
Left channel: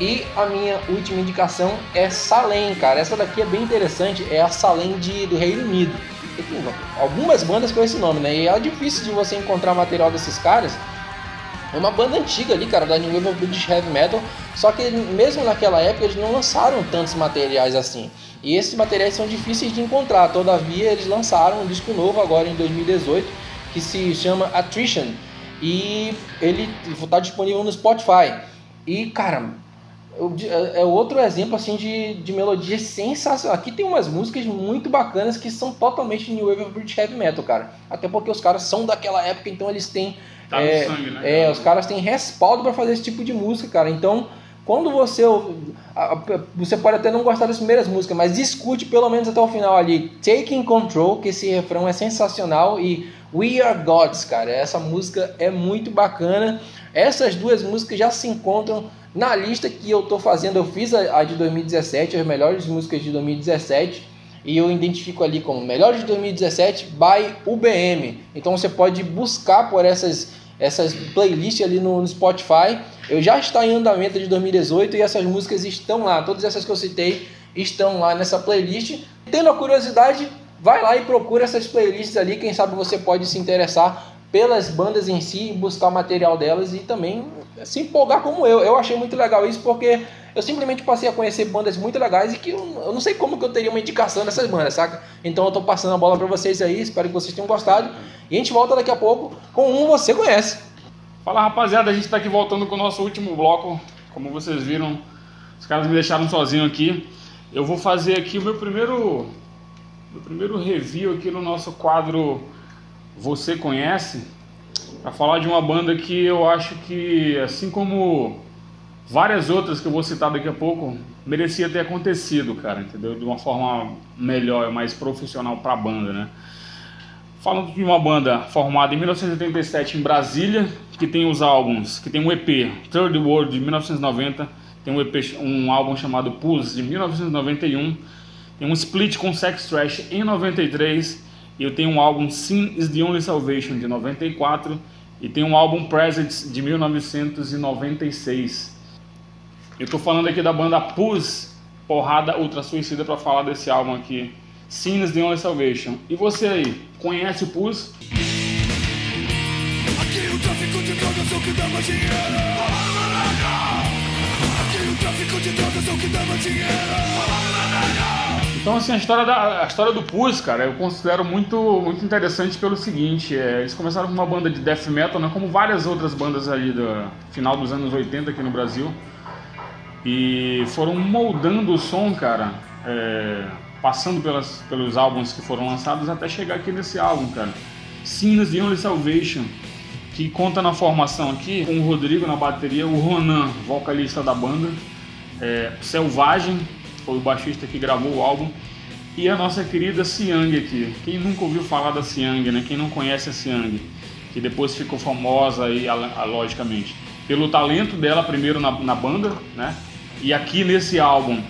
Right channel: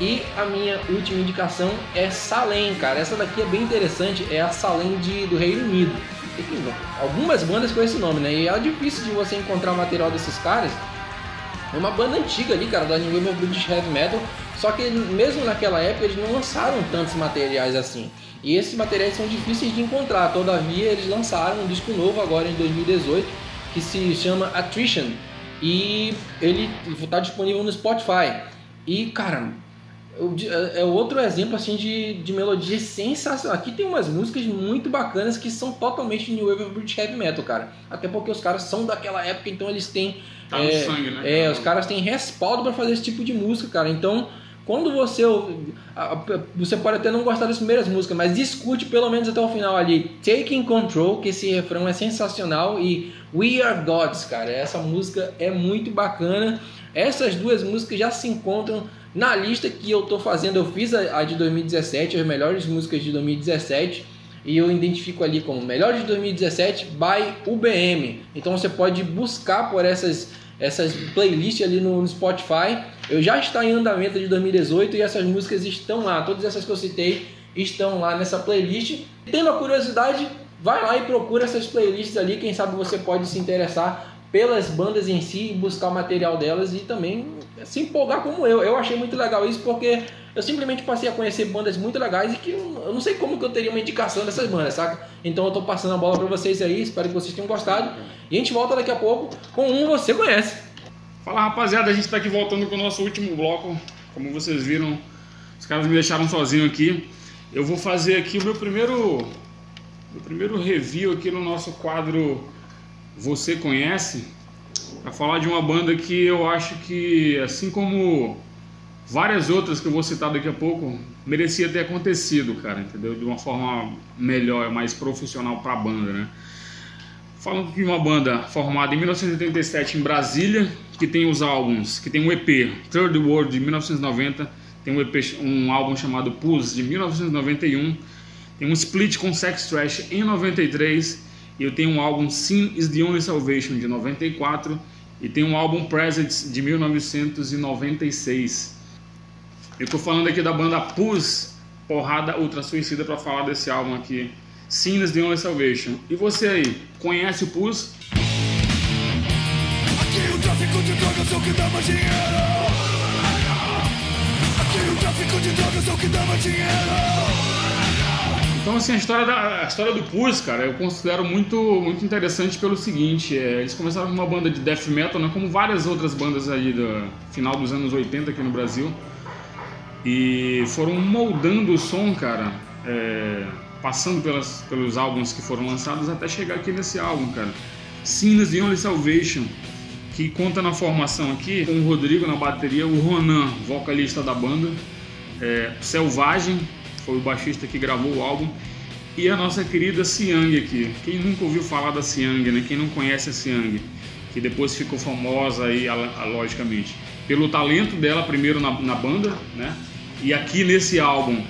E a minha última indicação é Salem, cara. Essa daqui é bem interessante, é a Salem do Reino Unido. Tem algumas bandas com esse nome, né? E é difícil de você encontrar material desses caras. É uma banda antiga ali, cara, da New Wave of British Heavy Metal. Só que mesmo naquela época eles não lançaram tantos materiais assim. E esses materiais são difíceis de encontrar. Todavia eles lançaram um disco novo agora em 2018 que se chama Attrition. E ele está disponível no Spotify. E, cara, é outro exemplo assim de melodia sensacional. Aqui tem umas músicas muito bacanas que são totalmente New Wave of British Heavy Metal, cara. Até porque os caras são daquela época, então eles têm... Tá no sangue, né? Os caras têm respaldo pra fazer esse tipo de música, cara. Então, quando você pode até não gostar das primeiras músicas, mas escute pelo menos até o final ali Taking Control, que esse refrão é sensacional, e We Are Gods, cara. Essa música é muito bacana. Essas duas músicas já se encontram na lista que eu tô fazendo. Eu fiz a de 2017, as melhores músicas de 2017, e eu identifico ali como melhores de 2017 by UBM. Então você pode buscar por essas playlists ali no Spotify. Eu já está em andamento de 2018 e essas músicas estão lá. Todas essas que eu citei estão lá nessa playlist. Tendo a curiosidade, vai lá e procura essas playlists ali. Quem sabe você pode se interessar pelas bandas em si e buscar o material delas e também se empolgar como eu. Eu achei muito legal isso porque eu simplesmente passei a conhecer bandas muito legais e que eu não sei como que eu teria uma indicação dessas bandas, saca? Então eu tô passando a bola pra vocês aí, espero que vocês tenham gostado. E a gente volta daqui a pouco com um Você Conhece. Fala, rapaziada, a gente tá aqui voltando com o nosso último bloco. Como vocês viram, os caras me deixaram sozinho aqui. Eu vou fazer aqui o meu primeiro review aqui no nosso quadro Você Conhece, para falar de uma banda que eu acho que, assim como várias outras que eu vou citar daqui a pouco, merecia ter acontecido, cara, entendeu? De uma forma melhor, mais profissional para a banda, né? Falando de uma banda formada em 1987 em Brasília, que tem os álbuns, que tem um EP, Third World, de 1990, tem um álbum chamado Pulse, de 1991, tem um split com Sex Trash em 93, e eu tenho um álbum Sin is the Only Salvation, de 94, e tem um álbum Presents, de 1996. Eu tô falando aqui da banda Pulse, Porrada Ultra Suicida, para falar desse álbum aqui, Sin is the Only Salvation. E você aí, conhece o Pulse? Aqui o tráfico de drogas é o que dá mais dinheiro. Então, assim, a história do Pus, cara, eu considero muito interessante pelo seguinte, eles começaram com uma banda de death metal, né, como várias outras bandas ali do final dos anos 80 aqui no Brasil, e foram moldando o som, cara, passando pelos álbuns que foram lançados até chegar aqui nesse álbum, cara, Sinners The Only Salvation, que conta na formação aqui com o Rodrigo na bateria, o Ronan, vocalista da banda, Selvagem, foi o baixista que gravou o álbum, e a nossa querida Siang aqui. Quem nunca ouviu falar da Siang, né? Quem não conhece a Siang, que depois ficou famosa aí, logicamente, pelo talento dela primeiro na banda, né? E aqui nesse álbum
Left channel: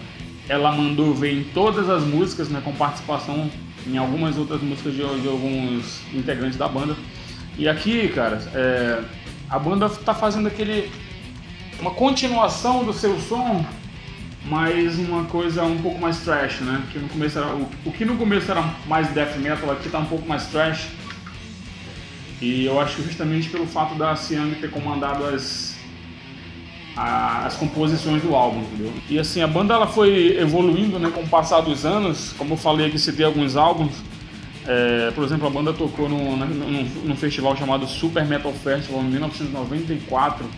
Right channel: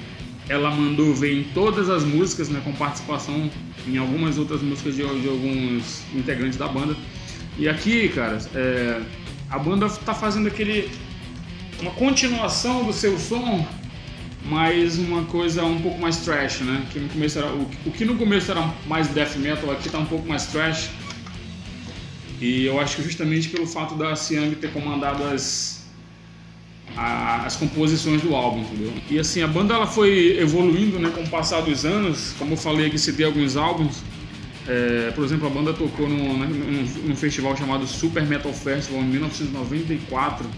ela mandou ver em todas as músicas, né? Com participação em algumas outras músicas de alguns integrantes da banda. E aqui, cara, a banda tá fazendo uma continuação do seu som, mas uma coisa um pouco mais thrash, né? Que no começo o que no começo era mais death metal, aqui tá um pouco mais thrash. E eu acho que justamente pelo fato da Siang ter comandado as composições do álbum, entendeu? E assim, a banda ela foi evoluindo, né, com o passar dos anos. Como eu falei aqui, citei alguns álbuns. Por exemplo, a banda tocou num festival chamado Super Metal Festival em 1994,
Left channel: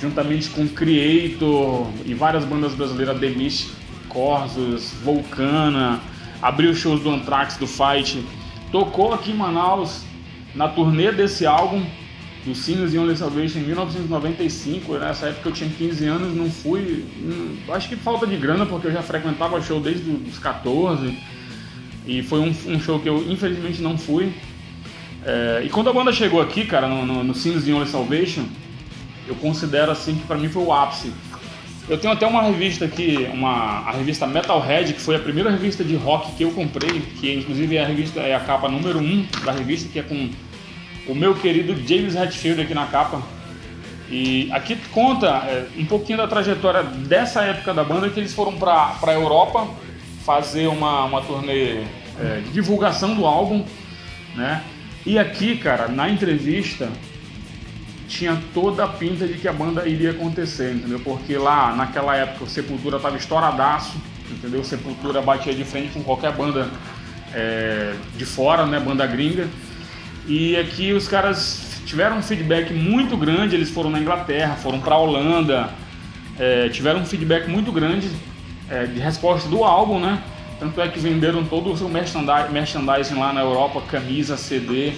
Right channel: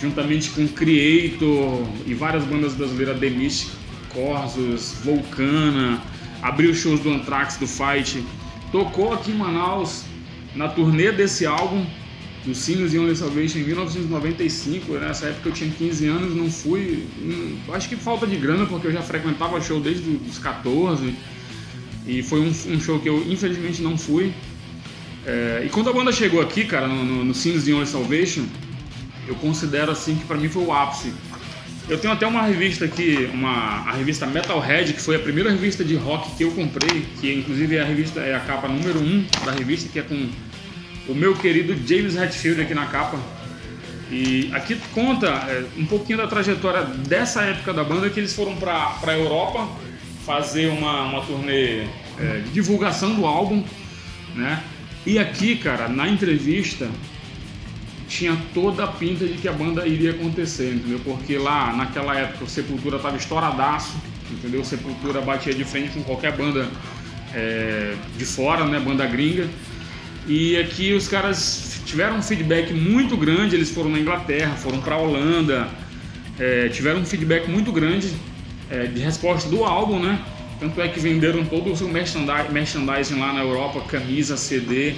juntamente com Creator e várias bandas brasileiras, The Mist, Corsos, Vulcana, abriu shows do Anthrax, do Fight, tocou aqui em Manaus na turnê desse álbum, do Sinners The Only Salvation, em 1995. Nessa época eu tinha 15 anos, não fui, acho que falta de grana, porque eu já frequentava show desde os 14, e foi um show que eu infelizmente não fui. E quando a banda chegou aqui, cara, no Sinners The Only Salvation, eu considero assim que pra mim foi o ápice. Eu tenho até uma revista aqui, a revista Metalhead, que foi a primeira revista de rock que eu comprei, que inclusive é a capa número 1 da revista, que é com o meu querido James Hetfield aqui na capa. E aqui conta um pouquinho da trajetória dessa época da banda, que eles foram pra Europa fazer uma turnê de divulgação do álbum, né? E aqui, cara, na entrevista tinha toda a pinta de que a banda iria acontecer, entendeu? Porque lá, naquela época, o Sepultura tava estouradaço, entendeu? O Sepultura batia de frente com qualquer banda de fora, né? Banda gringa. E aqui os caras tiveram um feedback muito grande, eles foram na Inglaterra, foram pra Holanda, tiveram um feedback muito grande de resposta do álbum, né? Tanto é que venderam todo o seu merchandising lá na Europa, camisa, CD,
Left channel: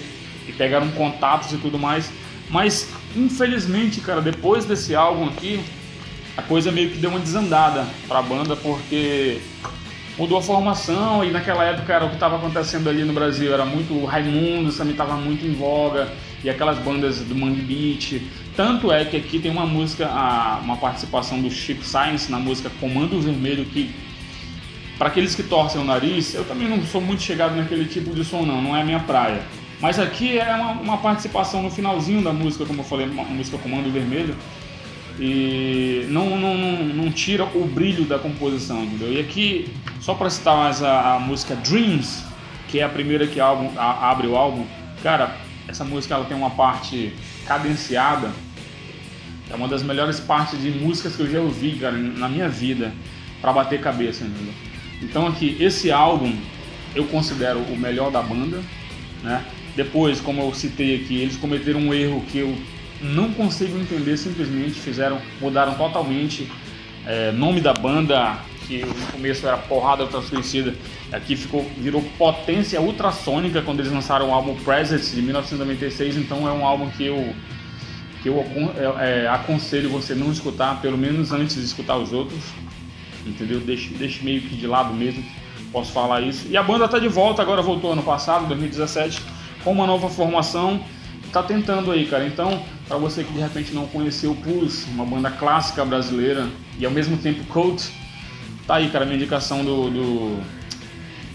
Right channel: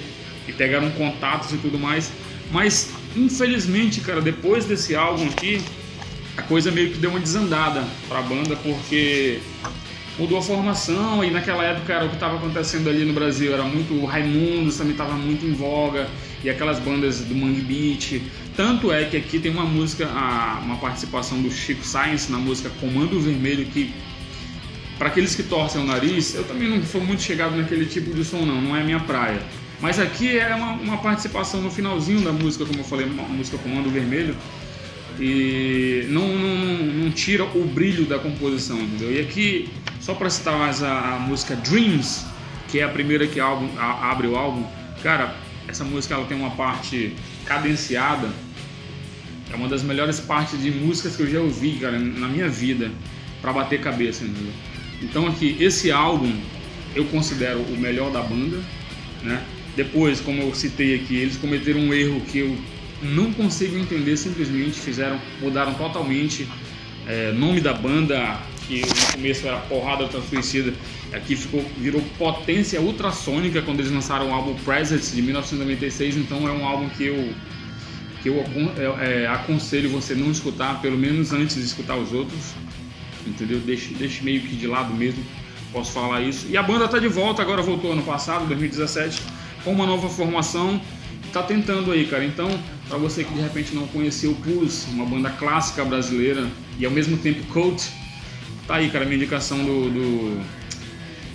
e pegaram contatos e tudo mais. Mas, infelizmente, cara, depois desse álbum aqui, a coisa meio que deu uma desandada pra banda, porque mudou a formação, e naquela época era o que estava acontecendo ali no Brasil, era muito o Raimundos, também estava muito em voga, e aquelas bandas do Mangue Beat. Tanto é que aqui tem uma música, uma participação do Chico Science na música Comando Vermelho, que, para aqueles que torcem o nariz, eu também não sou muito chegado naquele tipo de som, não é a minha praia. Mas aqui é uma participação no finalzinho da música, como eu falei, uma música Comando Vermelho, e não tira o brilho da composição, entendeu? E aqui, só para citar mais a música Dreams, que é a primeira que abre o álbum, cara, essa música ela tem uma parte cadenciada, é uma das melhores partes de músicas que eu já ouvi, cara, na minha vida, para bater cabeça, entendeu? Então aqui, esse álbum eu considero o melhor da banda, né? Depois, como eu citei aqui, eles cometeram um erro que eu não consigo entender, simplesmente mudaram totalmente nome da banda, que no começo era Porrada Ultra Suicida, aqui virou Potência Ultrassônica quando eles lançaram o álbum Presence de 1996. Então é um álbum que eu aconselho você não escutar, pelo menos antes de escutar os outros, entendeu? Deixe meio que de lado mesmo, posso falar isso. E a banda tá de volta, agora voltou ano passado, 2017, com uma nova formação, tá tentando aí, cara. Então, para você que de repente não conheceu o Pus, uma banda clássica brasileira e ao mesmo tempo cult, tá aí, cara, minha indicação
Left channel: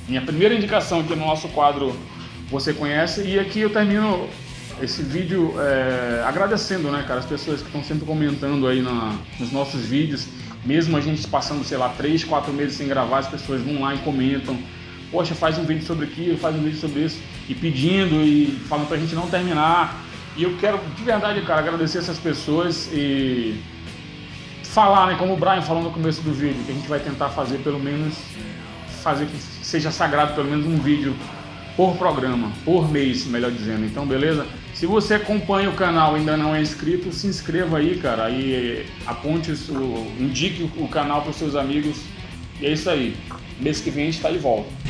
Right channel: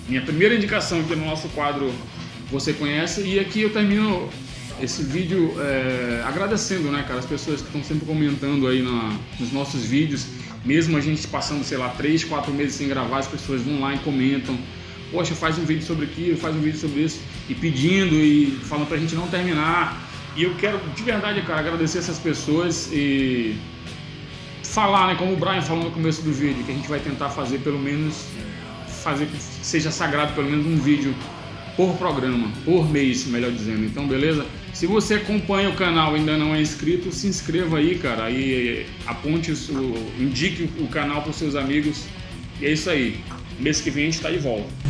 minha primeira indicação aqui no nosso quadro Você Conhece. E aqui eu termino esse vídeo agradecendo, né, cara, as pessoas que estão sempre comentando aí nos nossos vídeos, mesmo a gente passando, sei lá, 3, 4 meses sem gravar, as pessoas vão lá e comentam: poxa, faz um vídeo sobre aquilo, faz um vídeo sobre isso, e pedindo e falando pra gente não terminar. E eu quero, de verdade, cara, agradecer essas pessoas e falar, né, como o Brian falou no começo do vídeo, que a gente vai tentar fazer pelo menos, fazer que seja sagrado pelo menos um vídeo por programa, por mês, melhor dizendo. Então, beleza? Se você acompanha o canal e ainda não é inscrito, se inscreva aí, cara. Aí indique o canal para os seus amigos. E é isso aí. Mês que vem a gente tá de volta.